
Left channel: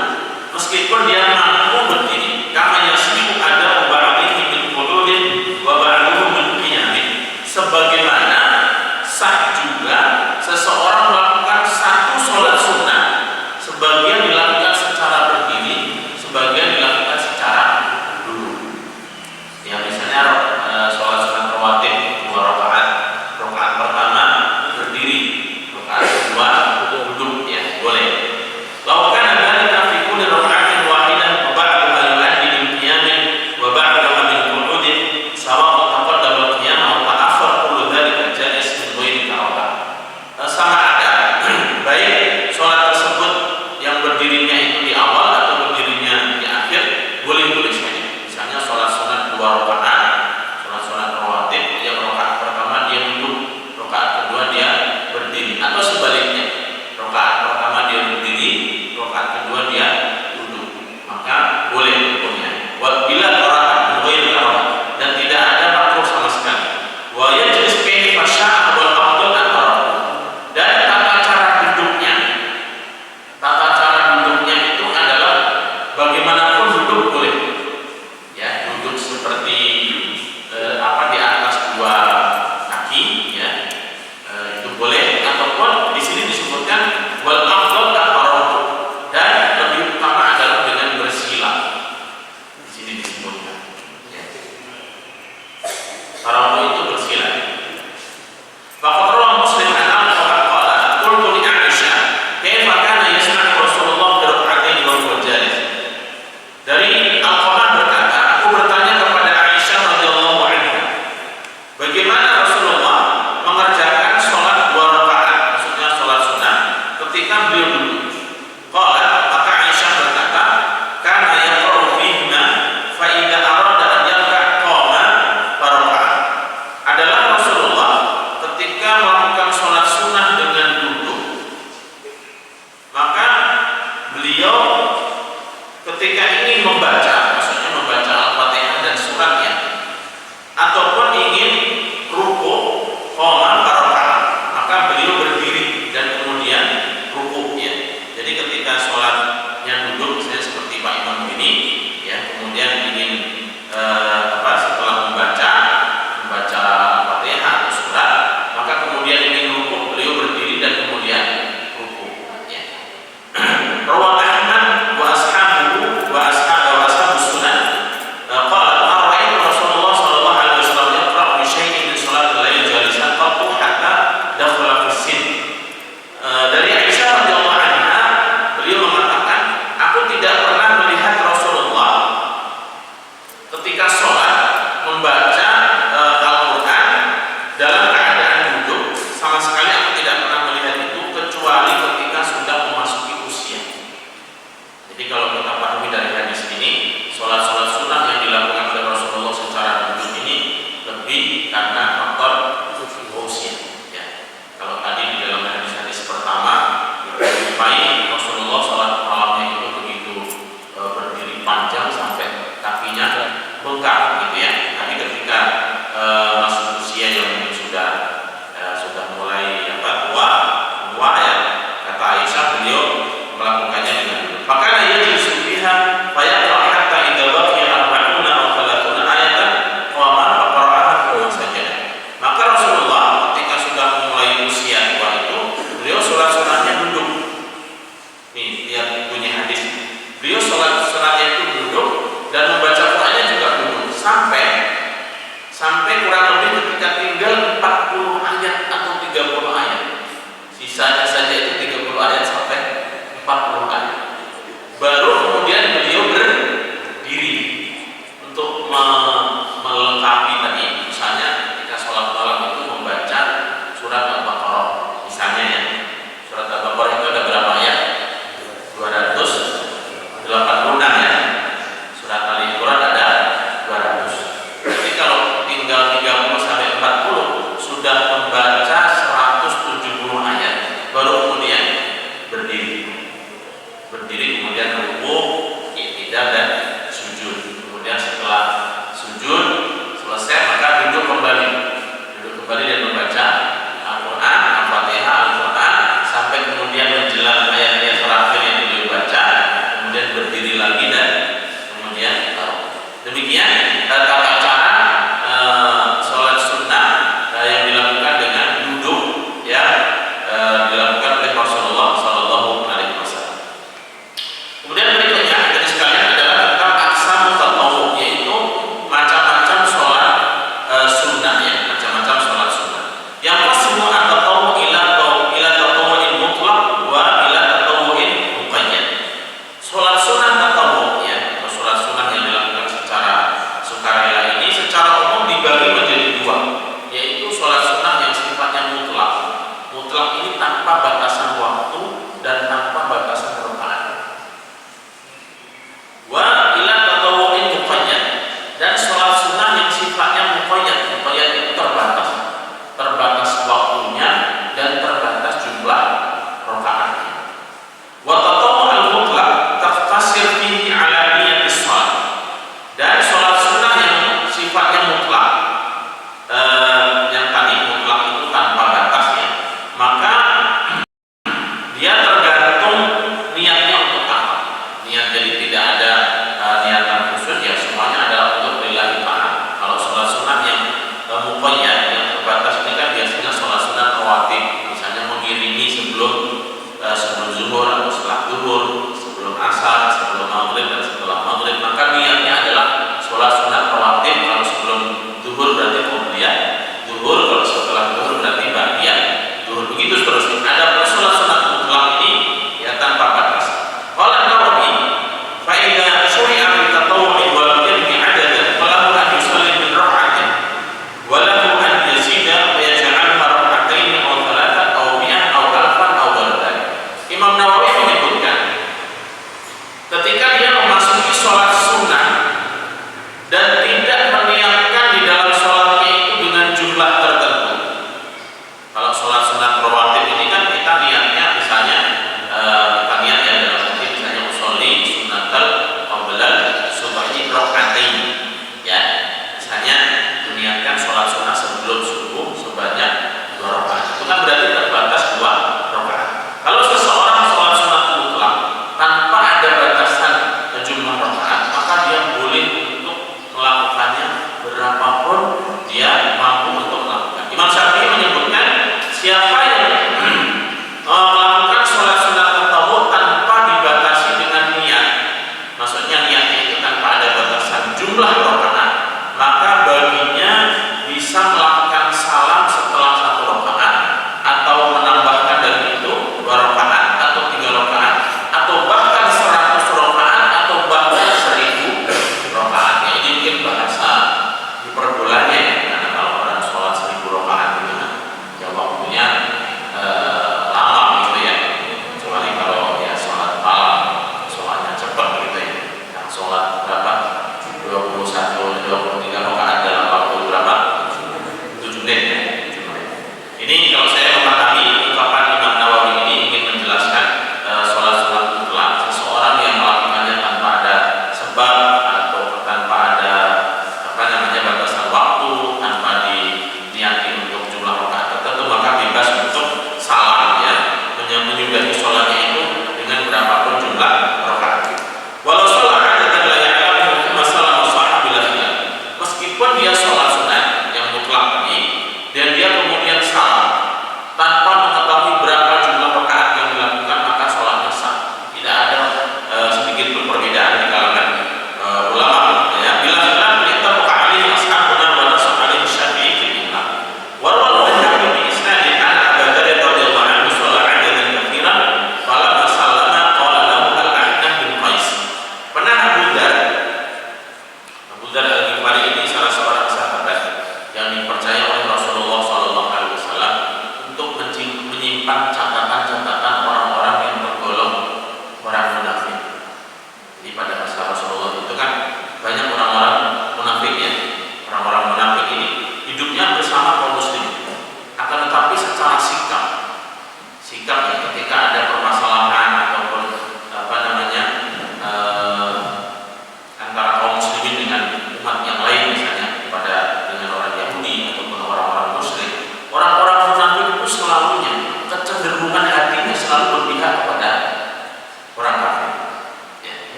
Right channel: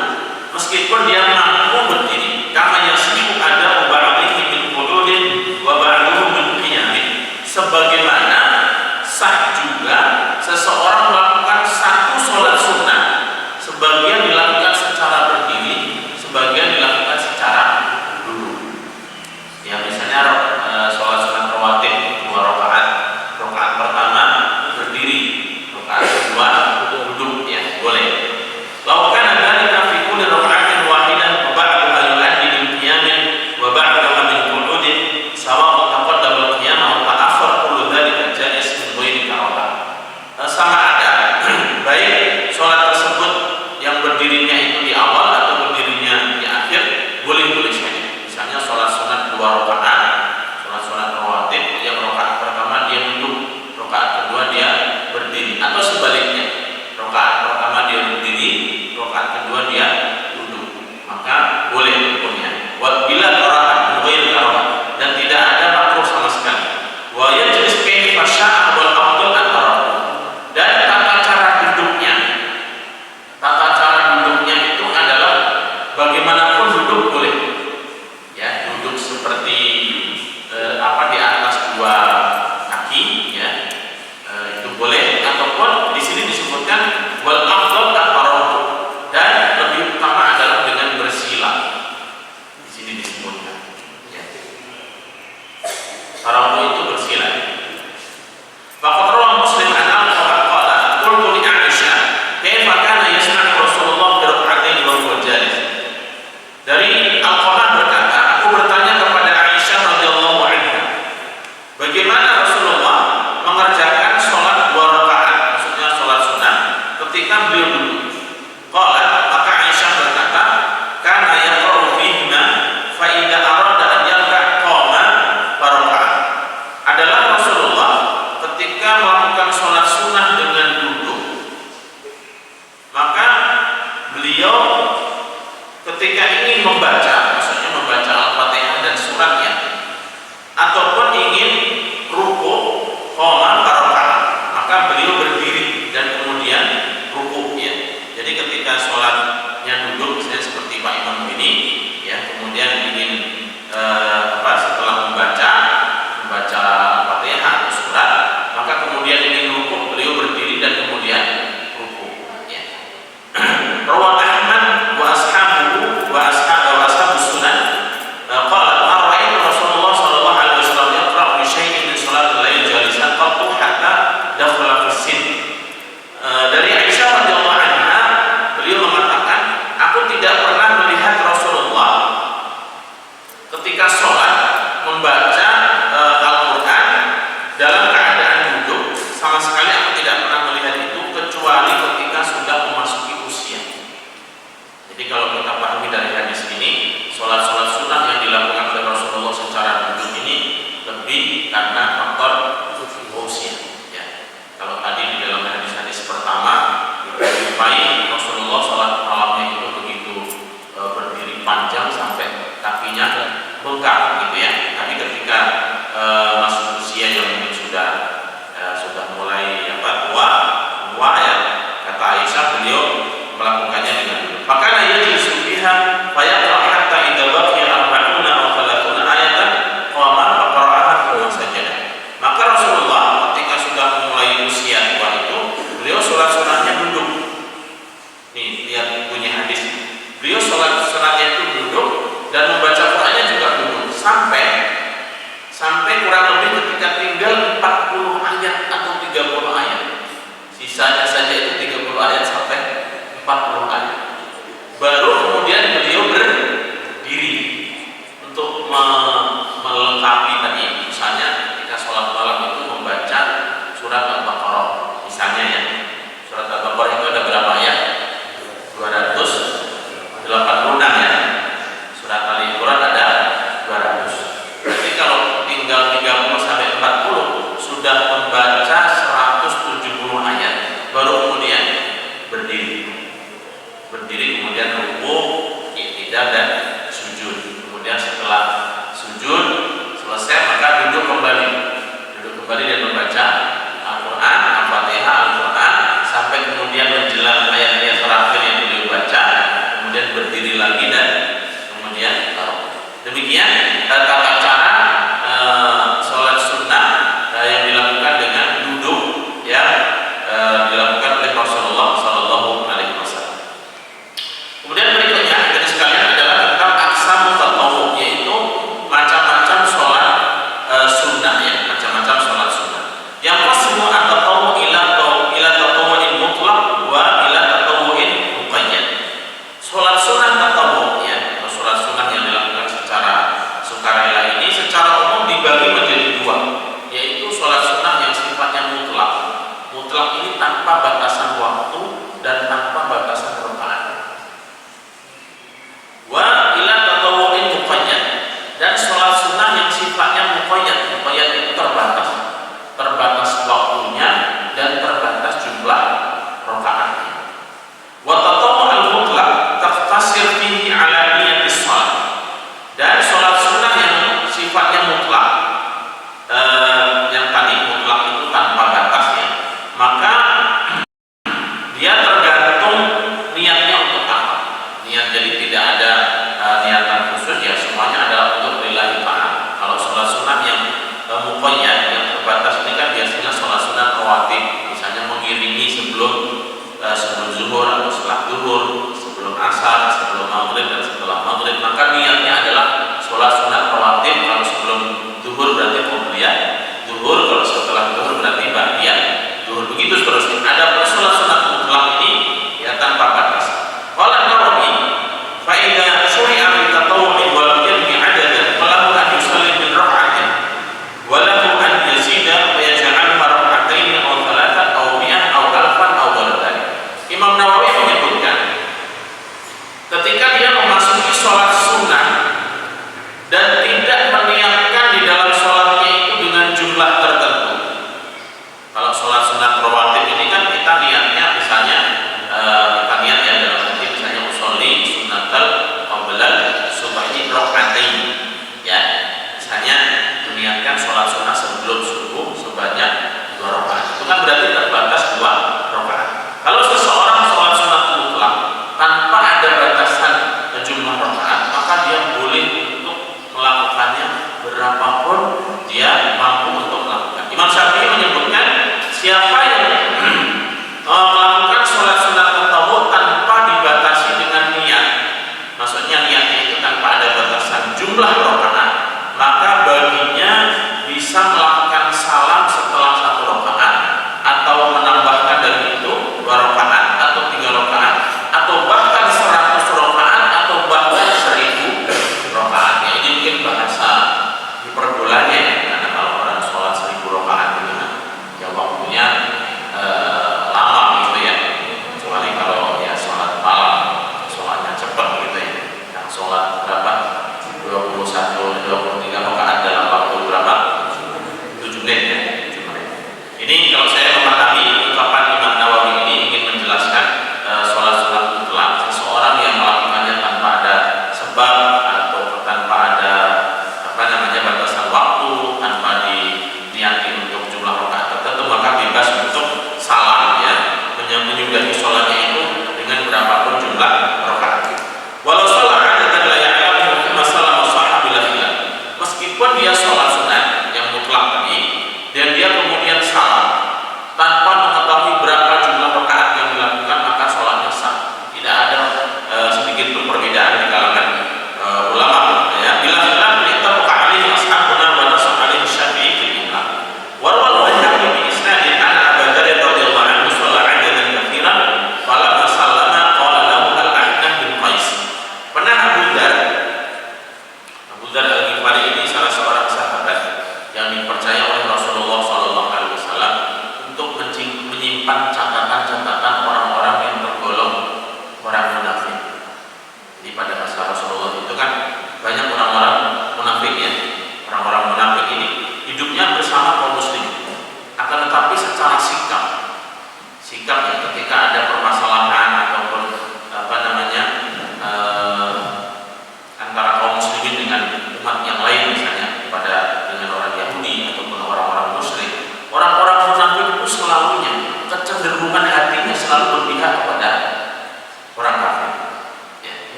meskipun dia mampu berdiri. Kama yasihu ada ba'dihi min qu'udin wa ba'duhu min qiyamin. Sebagaimana sah juga seseorang melakukan satu sholat sunnah, sebagian dilakukan secara berdiri, sebagian dilakukan secara duduk. Ya, misalnya sholat sunat rawatib 2 rakaat, rakaat pertama berdiri, rakaat kedua duduk ya, boleh. Lakukan dzalika fi kulli raka'atin wahidah wa ba'daha yu'addi bil qiyamin wa ba'daha min qu'udin sawa'un taqaddama al-qiyam aw ta'akhkhar, kullu dzalika jaiz min ghairi karahah. Sama ada baik sholat tersebut yang berdirinya itu di awal atau berdirinya di akhir, boleh-boleh saja. Misalnya sholat sunat 2 rakaat, sholat sunat rawatib, yang rakaat pertama dia duduk, rakaat kedua dia berdiri, atau sebaliknya, rakaat pertama dia berdiri, rakaat kedua dia duduk, maka boleh hukumnya. Bila karahah, ghair karahah, dan tidak ada makruh sama sekali. Wa yajlis kaifa syaa wal afdal at-tarahum. Dan tata cara duduknya itu adalah bagaimanapun duduk boleh ya, duduk seperti di atas 2 kaki ya, itu boleh, ataupun di sini disebutkan wal afdal at-tarahum, dan lebih utama adalah dengan bersila. Di sini disebutkan ya, tarahum itu bersila. Faqad rawa Muslim an Al-Qur'an qala qultu li Aisyah kaifa kana yasna'u Rasulullah fi rak'atayn wa huwa jalis. Dari Al-Qur'an berkata, aku bertanya kepada Aisyah radhiyallahu anha, bagaimana Rasulullah mengerjakan sholat 2 rakaat, maksudnya sholat sunnah, ketika beliau duduk. Qala, maka Aisyah berkata, kana yaqra'u fihima fa idza arada an yarka' qama faraka'a. Adalah Rasulullah ketika melakukan sholat sunnah dengan duduk, maka beliau ketika ingin membaca, maksudnya membaca Al-Fatihah dan suratnya, ataupun ingin ruku, qama faraka'a, maka beliau berdiri dan kemudian ruku ya. Jadi ketika sholatnya duduk, misalnya seperti Pak Imam ini ya, kemudian ingin setelah membaca Al-Fatihah atau surat, maka kemudian ingin ruku, beliau berdiri dan kemudian ruku ya. Rawah Ahmad wa ashabuhu wa ashabus sunan qala ma ra'aytu Rasulullah sallallahu alaihi wasallam yaqra'u bi syai'in min salatil lail jalisan qattu hatta dakhala fi sin. Dari Aisyah radhiyallahu anha, beliau mengatakan, aku tidak pernah melihat Rasulullah beliau sholat sunatnya itu duduk dan membaca Qur'annya juga duduk sampai kurang lebih ketika tinggal 40 ayat atau 30 ayat. Sisanya saja itu 30 ayat sampai 40 ayat. Baru kemudian beliau berdiri untuk melengkapi tadi. Misalnya ketika sholat malam itu membaca surat Al-Baqarah. Misalnya ya, surat Al-Baqarah itu ada berapa ayat? 286 ya. Surat Al-Imran ada 200. Berarti kalau tinggal 30 sampai 40 sudah membaca 170 ayat. Baru kemudian berdiri kemudian rukuk, i'tidal dan sujud. Kemudian setelah sujud selesai maka duduk kembali dan membaca Al-Quran, Al-Fatihah, Al-Quran sampai kemudian menjelang ayat-ayat terakhir yang beliau baca, kemudian berdiri lagi dan kemudian taruh. Demikian tata cara sholat sunnah yang dilakukan dengan duduk yang dilakukan oleh Rasulullah Sallallahu Alaihi Wasallam.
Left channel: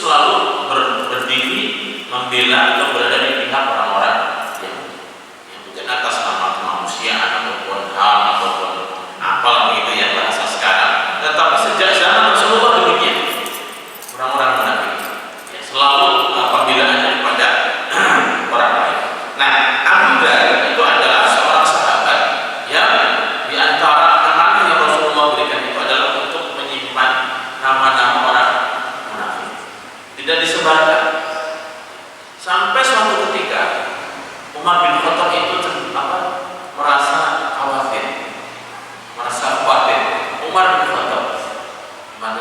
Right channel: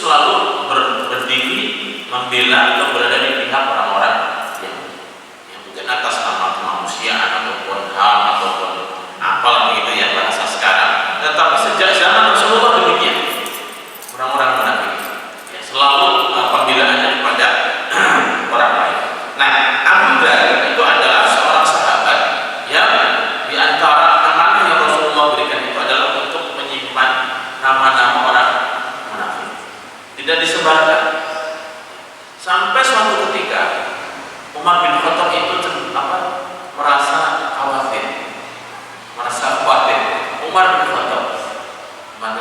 selalu berdiri membela atau berada di pihak orang-orang yang bukan atas nama kemanusiaan ataupun HAM ataupun apalah begitu ya bahasa sekarang. Tetapi sejak zaman Rasulullah demikian orang-orang munafik ya, selalu pembelaannya kepada orang lain. Nah, Abu Dhar itu adalah seorang sahabat yang diantara amanah yang Rasulullah berikan itu adalah untuk menyimpan nama-nama orang munafik, tidak disebarkan. Sampai suatu ketika Umar bin Khattab itu merasa khawatir. Umar bin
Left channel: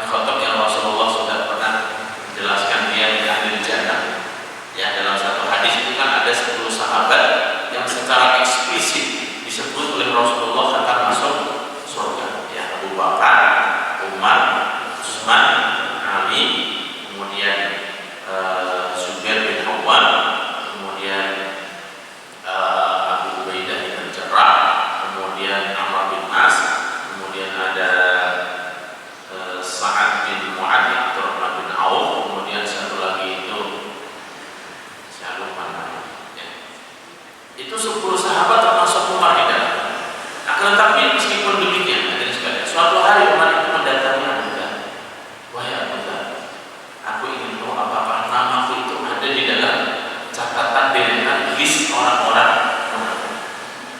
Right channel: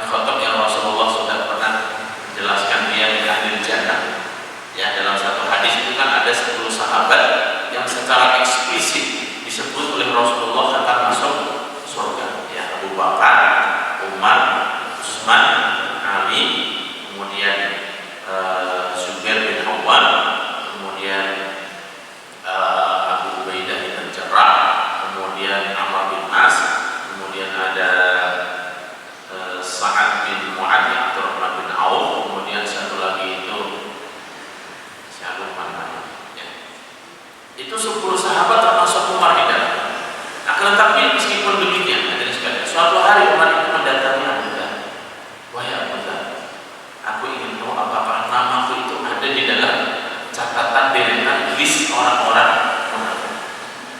Khattab yang Rasulullah sudah pernah menjelaskan dia di ahli jannah. Ya, dalam satu hadis itu kan ada 10 sahabat yang secara eksplisit disebut oleh Rasulullah akan masuk surga. Ya, Abu Bakar, Umar, Utsman, Ali, kemudian Zubair bin Awwam, kemudian Abu Ubaidah bin Jarrah, kemudian Amr bin As, kemudian ada Sa'ad bin Mu'adz, Abdurrahman bin Auf, kemudian satu lagi itu saya lupa namanya. Ya. Itu 10 sahabat termasuk Umar di dalam. Akan tetapi meskipun demikian, hadirin sekalian, suatu hari Umar itu mendatangi Abu Dhar. Wahai Abu Dhar, aku ingin tahu apakah namaku itu ada di dalam catatan deretan list orang-orang munafik.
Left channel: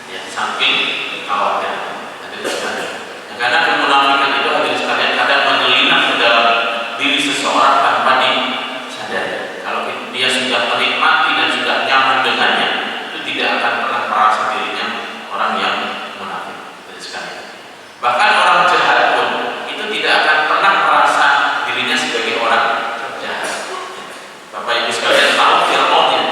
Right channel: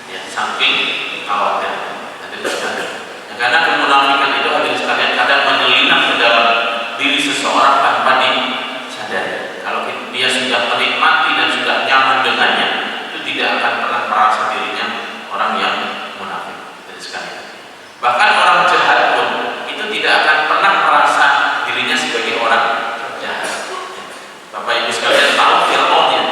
Ya, saking khawatir. Hadirin sekalian. Ya, karena kemunafikan itu hadirin sekalian kadang menyelinap ke dalam diri seseorang tanpa disadari. Kalau dia sudah menikmati dan sudah nyaman dengannya, itu tidak akan pernah merasa dirinya orang yang munafik. Hadirin sekalian. Bahkan orang jahat pun itu tidak akan pernah merasa dirinya sebagai orang jahat. Bapak Ibu sekalian tahu Fir'aun ya?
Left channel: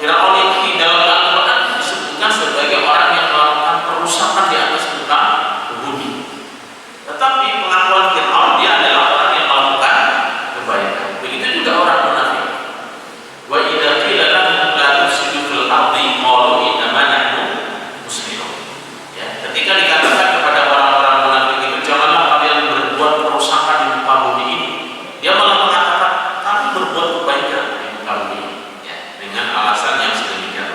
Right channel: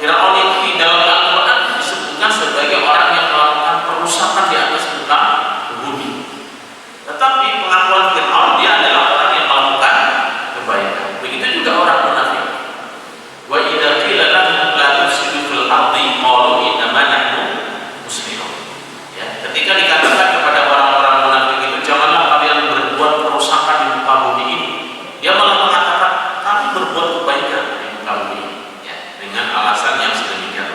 Fir'aun itu di dalam Al-Quran disebutkan sebagai orang yang melakukan perusakan di atas muka bumi. Tetapi pengakuan Fir'aun dia adalah orang yang melakukan kebaikan. Begitu juga orang munafik. Wa idza qila lahum la tufsidu fil ardi qalu innama nahnu muslimun. Ya, ketika dikatakan kepada orang-orang munafik itu janganlah kalian berbuat kerusakan di muka bumi ini, dia malah mengatakan kami berbuat kebaikan di muka bumi ini, ya, dengan alasan yang sedemikian.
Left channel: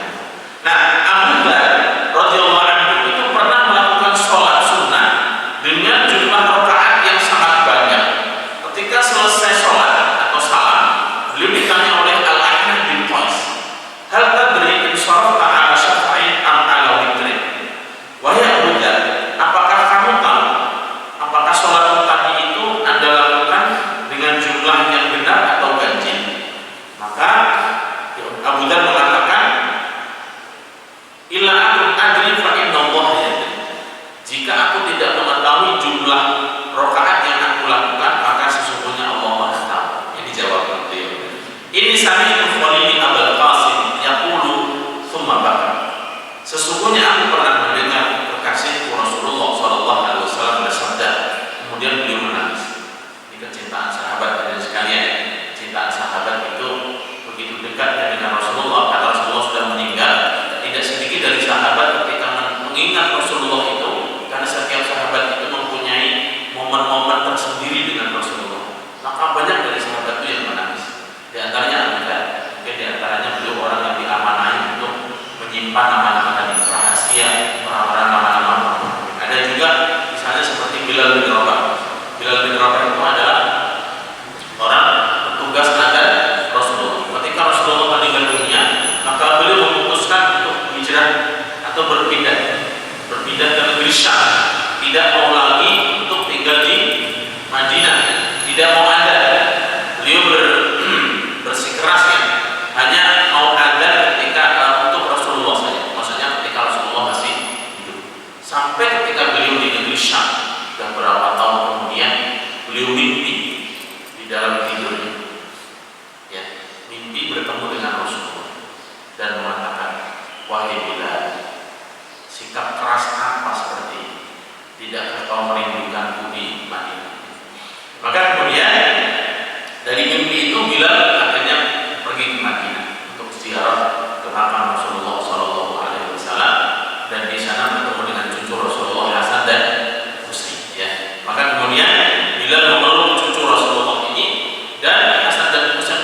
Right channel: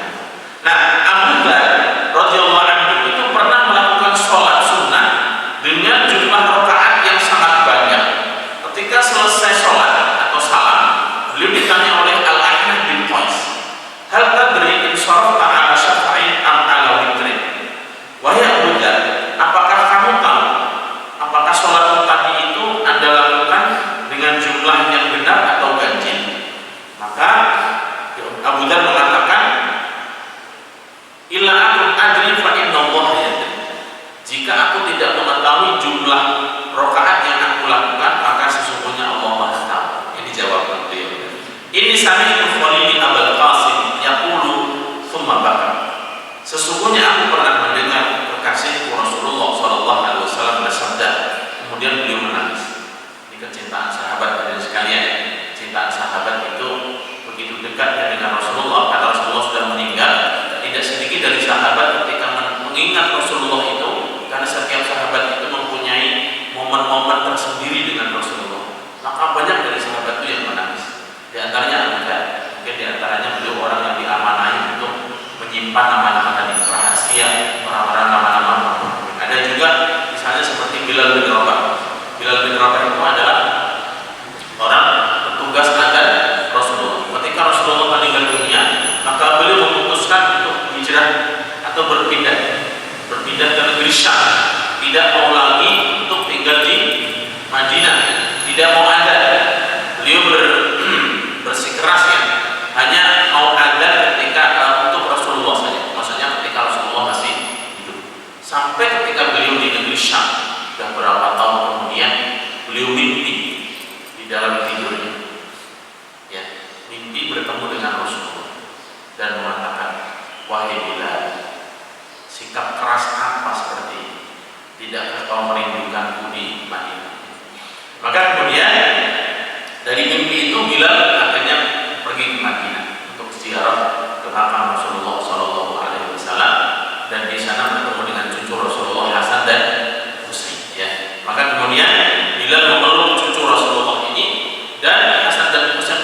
Nah, Abu Dhar radhiyallahu anhu itu pernah melakukan sholat sunnah dengan jumlah rakaat yang sangat banyak. Ketika selesai sholat atau salam, beliau ditanya oleh Al-Ahnaf bin Qais, hal tadri in sharafta ala syafa'in am ala witrin? Wahai Abu Dhar, apakah kamu tahu apakah sholat tadi itu Anda lakukan dengan jumlah yang benar atau ganjil? Maka Abu Dhar mengatakan, illa akun adri fa inna Allah yadri. Jika aku tidak mengetahui jumlah rakaat yang aku lakukan, maka sesungguhnya Allah Maha tahu. Ini dijawab beliau. Ini sami'tu Khalili Abul Qasim yaqulu tsumma baka. Sesungguhnya aku pernah mendengar kekasihku Rasulullah sallallahu alaihi wasallam bersabda, kemudian beliau menangis. Ini kecintaan sahabat dan sekalian. Cintaan sahabat itu begitu dekat dengan Rasulullah karena Rasulullah sudah meninggal. Tidak sedikit dari sahabat ketika mengingat Rasulullah itu, karena setiap sahabat itu mempunyai momen-momen tersendiri dengan Rasulullah. Maka banyak dari sahabat itu yang menangis. Di antaranya Abu-Dhar. Mungkin di antaranya beliau orang yang diamanai untuk menyimpan nama-nama tadi, rahasia orang-orang nama-nama. Ada juga misalnya seperti Bilal bin Rabah. Bilal bin Rabah itu adalah orang petugas adzan Rasulullah. Ketika Rasulullah meninggal dunia, maka beliau memutuskan untuk hijrah atau berpindah ke negeri Syam. Tidak mau lagi untuk tinggal di Madinah, tidak mau ada. Beliau bersikeras ya, hanya mau ada ketika untuk Rasulullah saja. Maksudnya ketika Rasulullah masih hidup. Sampai ketika beliau di negeri Syam, dan beberapa tahun kemudian beliau mimpi di dalam tidurnya. Ya, mimpi bertemu dengan Rasulullah dan mengatakan, wahai Bilal, sikap keras apa seperti ini? Tidakkah kau merindukanku di Madinah? Maka kemudian dari mimpi itu Bilal akhirnya pergi ke Madinah untuk ziarah ke makam Rasulullah Sallallahu Alaihi Wasallam, dan di sana bertemu dengan cucu Rasulullah Hasan dan Husain. Ya, maka kemudian Bilal memeluk cucu Rasulullah ini, dan Hasan dan Husain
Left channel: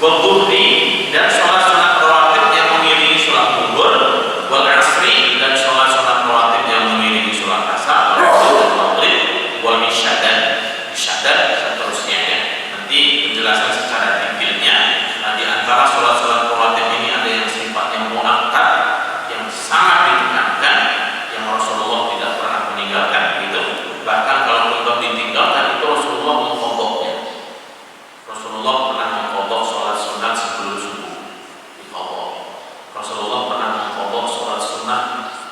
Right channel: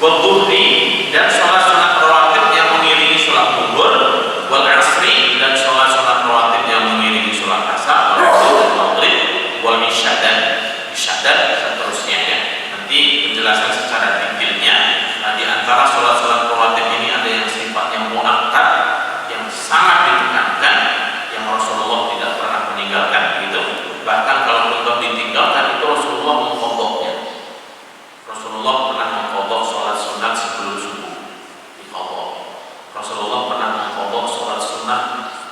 wal dhuhri, dan sholat sunat rawatib yang mengiringi sholat zuhur, wal asri, dan sholat sunat rawatib yang mengiringi sholat asar, wal maghrib, wal isya dan seterusnya ya. Nanti penjelasan secara detailnya. Di antara sholat-sholat rawatib ini ada yang sifatnya muakkad, yang sangat ditekankan, yang Rasulullah tidak pernah meninggalkan gitu. Bahkan kalau untuk ditinggalkan itu Rasulullah mengqadhanya. Rasulullah pernah mengqadha sholat sunat sebelum subuh, diqadha. Rasulullah pernah mengqadha sholat sunat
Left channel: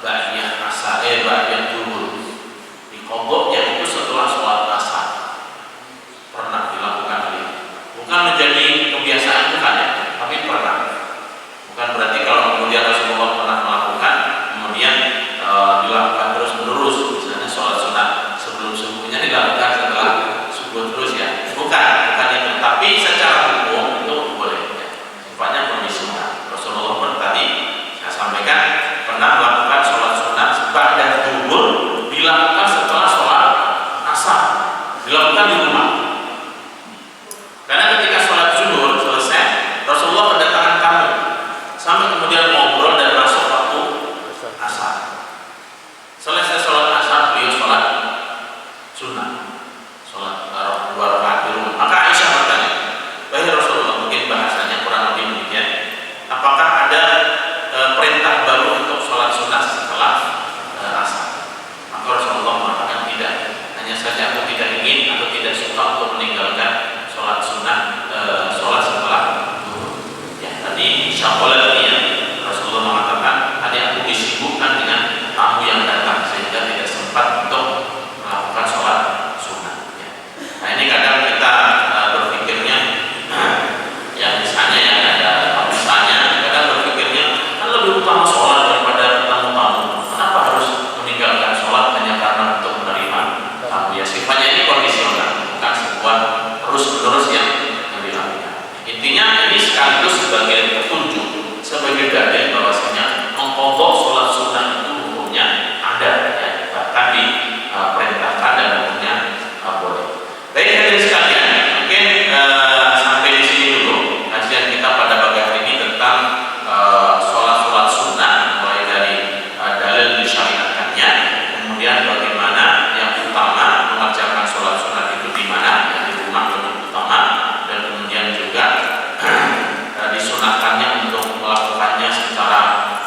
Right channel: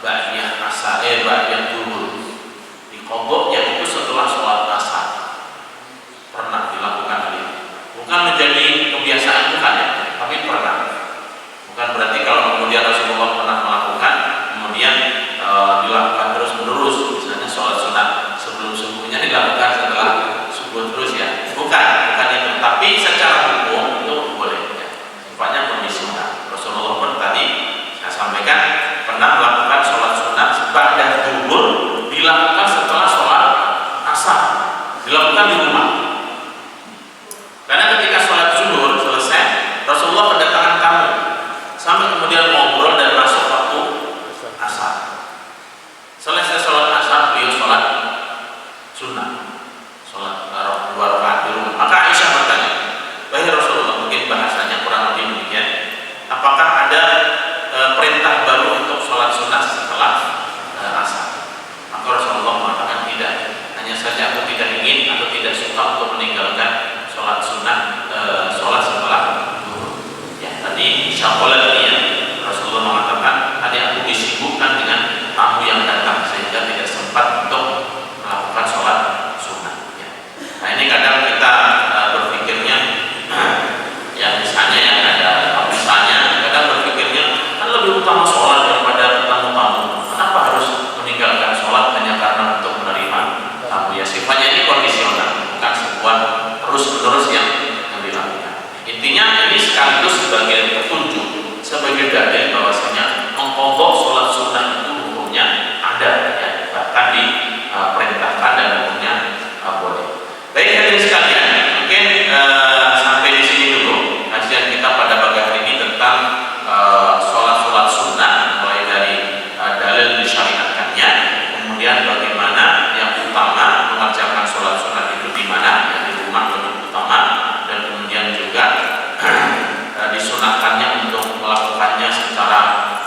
ba'diyah asar, ba'diyah zuhur, diqadha, yang itu setelah sholat asar. Pernah dilakukan hal ini. Bukan menjadi kebiasaan, bukan ya, tapi pernah. Bukan berarti kalau kemudian Rasulullah pernah melakukan, kemudian dilakukan terus menerus. Misalnya sholat sunat sebelum subuhnya dilakukan setelah subuh terus ya. Bukan itu. Tapi secara hukum itu boleh ya. Sifatnya permisional. Rasulullah pun tadi saya sampaikan pernah melakukan sholat sunat ba'da zuhur, dilakukan setelah sholat asar, dilakukan di rumah. Karena ketika sholat zuhur selesai, Rasulullah kedatangan tamu, sampai kemudian ngobrol dan masuk waktu asar. Selesai sholat asar, beliau sholat sunnah, sholat 2 rakaat di rumah. Maka Aisyah bertanya, "Wahai Rasulullah," mungkin bahasanya kurang lebih demikian, "apakah ada perintah baru untuk sholat sunnah setelah asar?" Maka Rasulullah mengatakan tidak. Hanya saja aku tidak ingin atau tidak suka untuk meninggalkan sholat sunnah, sholat setelah zuhur. Ya, tadi syakolat ini ya, Rasulullah mengatakan tadi aku disibukkan dengan tamu yang datang sehingga tidak sempat untuk melakukan sholat sunnah. Ya. Nah ini kadang kita berpikirnya, ya misalnya yang ada misalnya kadang berpikirnya kan lebih utama sholat daripada ketemu tamu. Kenapa harus meninggalkan sholat hanya karena untuk menerima tamu? Ya sifatnya ini kondisional, bukan sebuah terus-menerus yang dilakukan. Intinya ini sekaligus sebagai petunjuk, sebagai dalil bahwasanya mengqadha sholat sunnah itu hukumnya ada ya, bahkan diperintahkan dan hukumnya boleh. Baik hadirin sekalian, mungkin sampai di sini dulu kajian kita pada pagi hari ini tentang sholat sunnah, mulai dari dalil disyariatkannya, kemudian bagaimana yang utama mengerjakan sholat sunnah itu di mana, ya, di rumah lebih utama, dan kemudian juga disunahkannya untuk melakukannya secara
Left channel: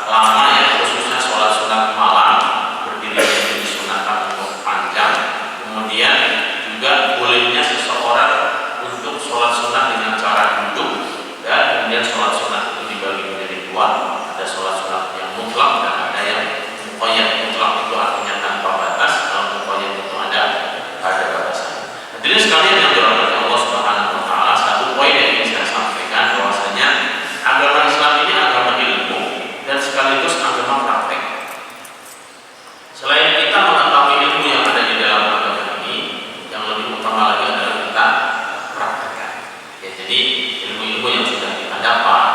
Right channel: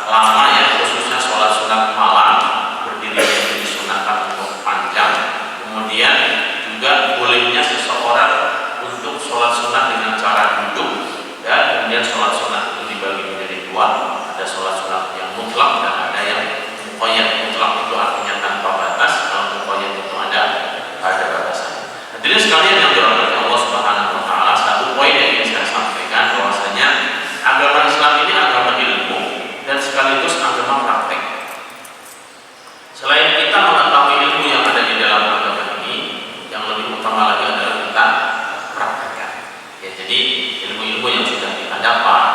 lama ya, khususnya sholat sunat malam berdiri itu disunahkan untuk panjang. Kemudian juga bolehnya seseorang untuk sholat sunat dengan cara duduk, dan kemudian sholat sunat itu dibagi menjadi 2, ada sholat sunat yang mutlak dan ada yang muqayyad. Mutlak itu artinya tanpa batas, kalau muqayyad itu ada batasan. Hadirin sekalian yang dirahmati Allah Subhanahu wa taala, satu poin yang ingin saya sampaikan bahwasanya agama Islam ini agama ilmu dan sekaligus agama praktek. Selain kita mengetahui ilmu yang ada di dalam agama ini, yang lebih utama lagi adalah kita praktekkan. Ya, jadi ilmu-ilmu yang sudah kita dapat,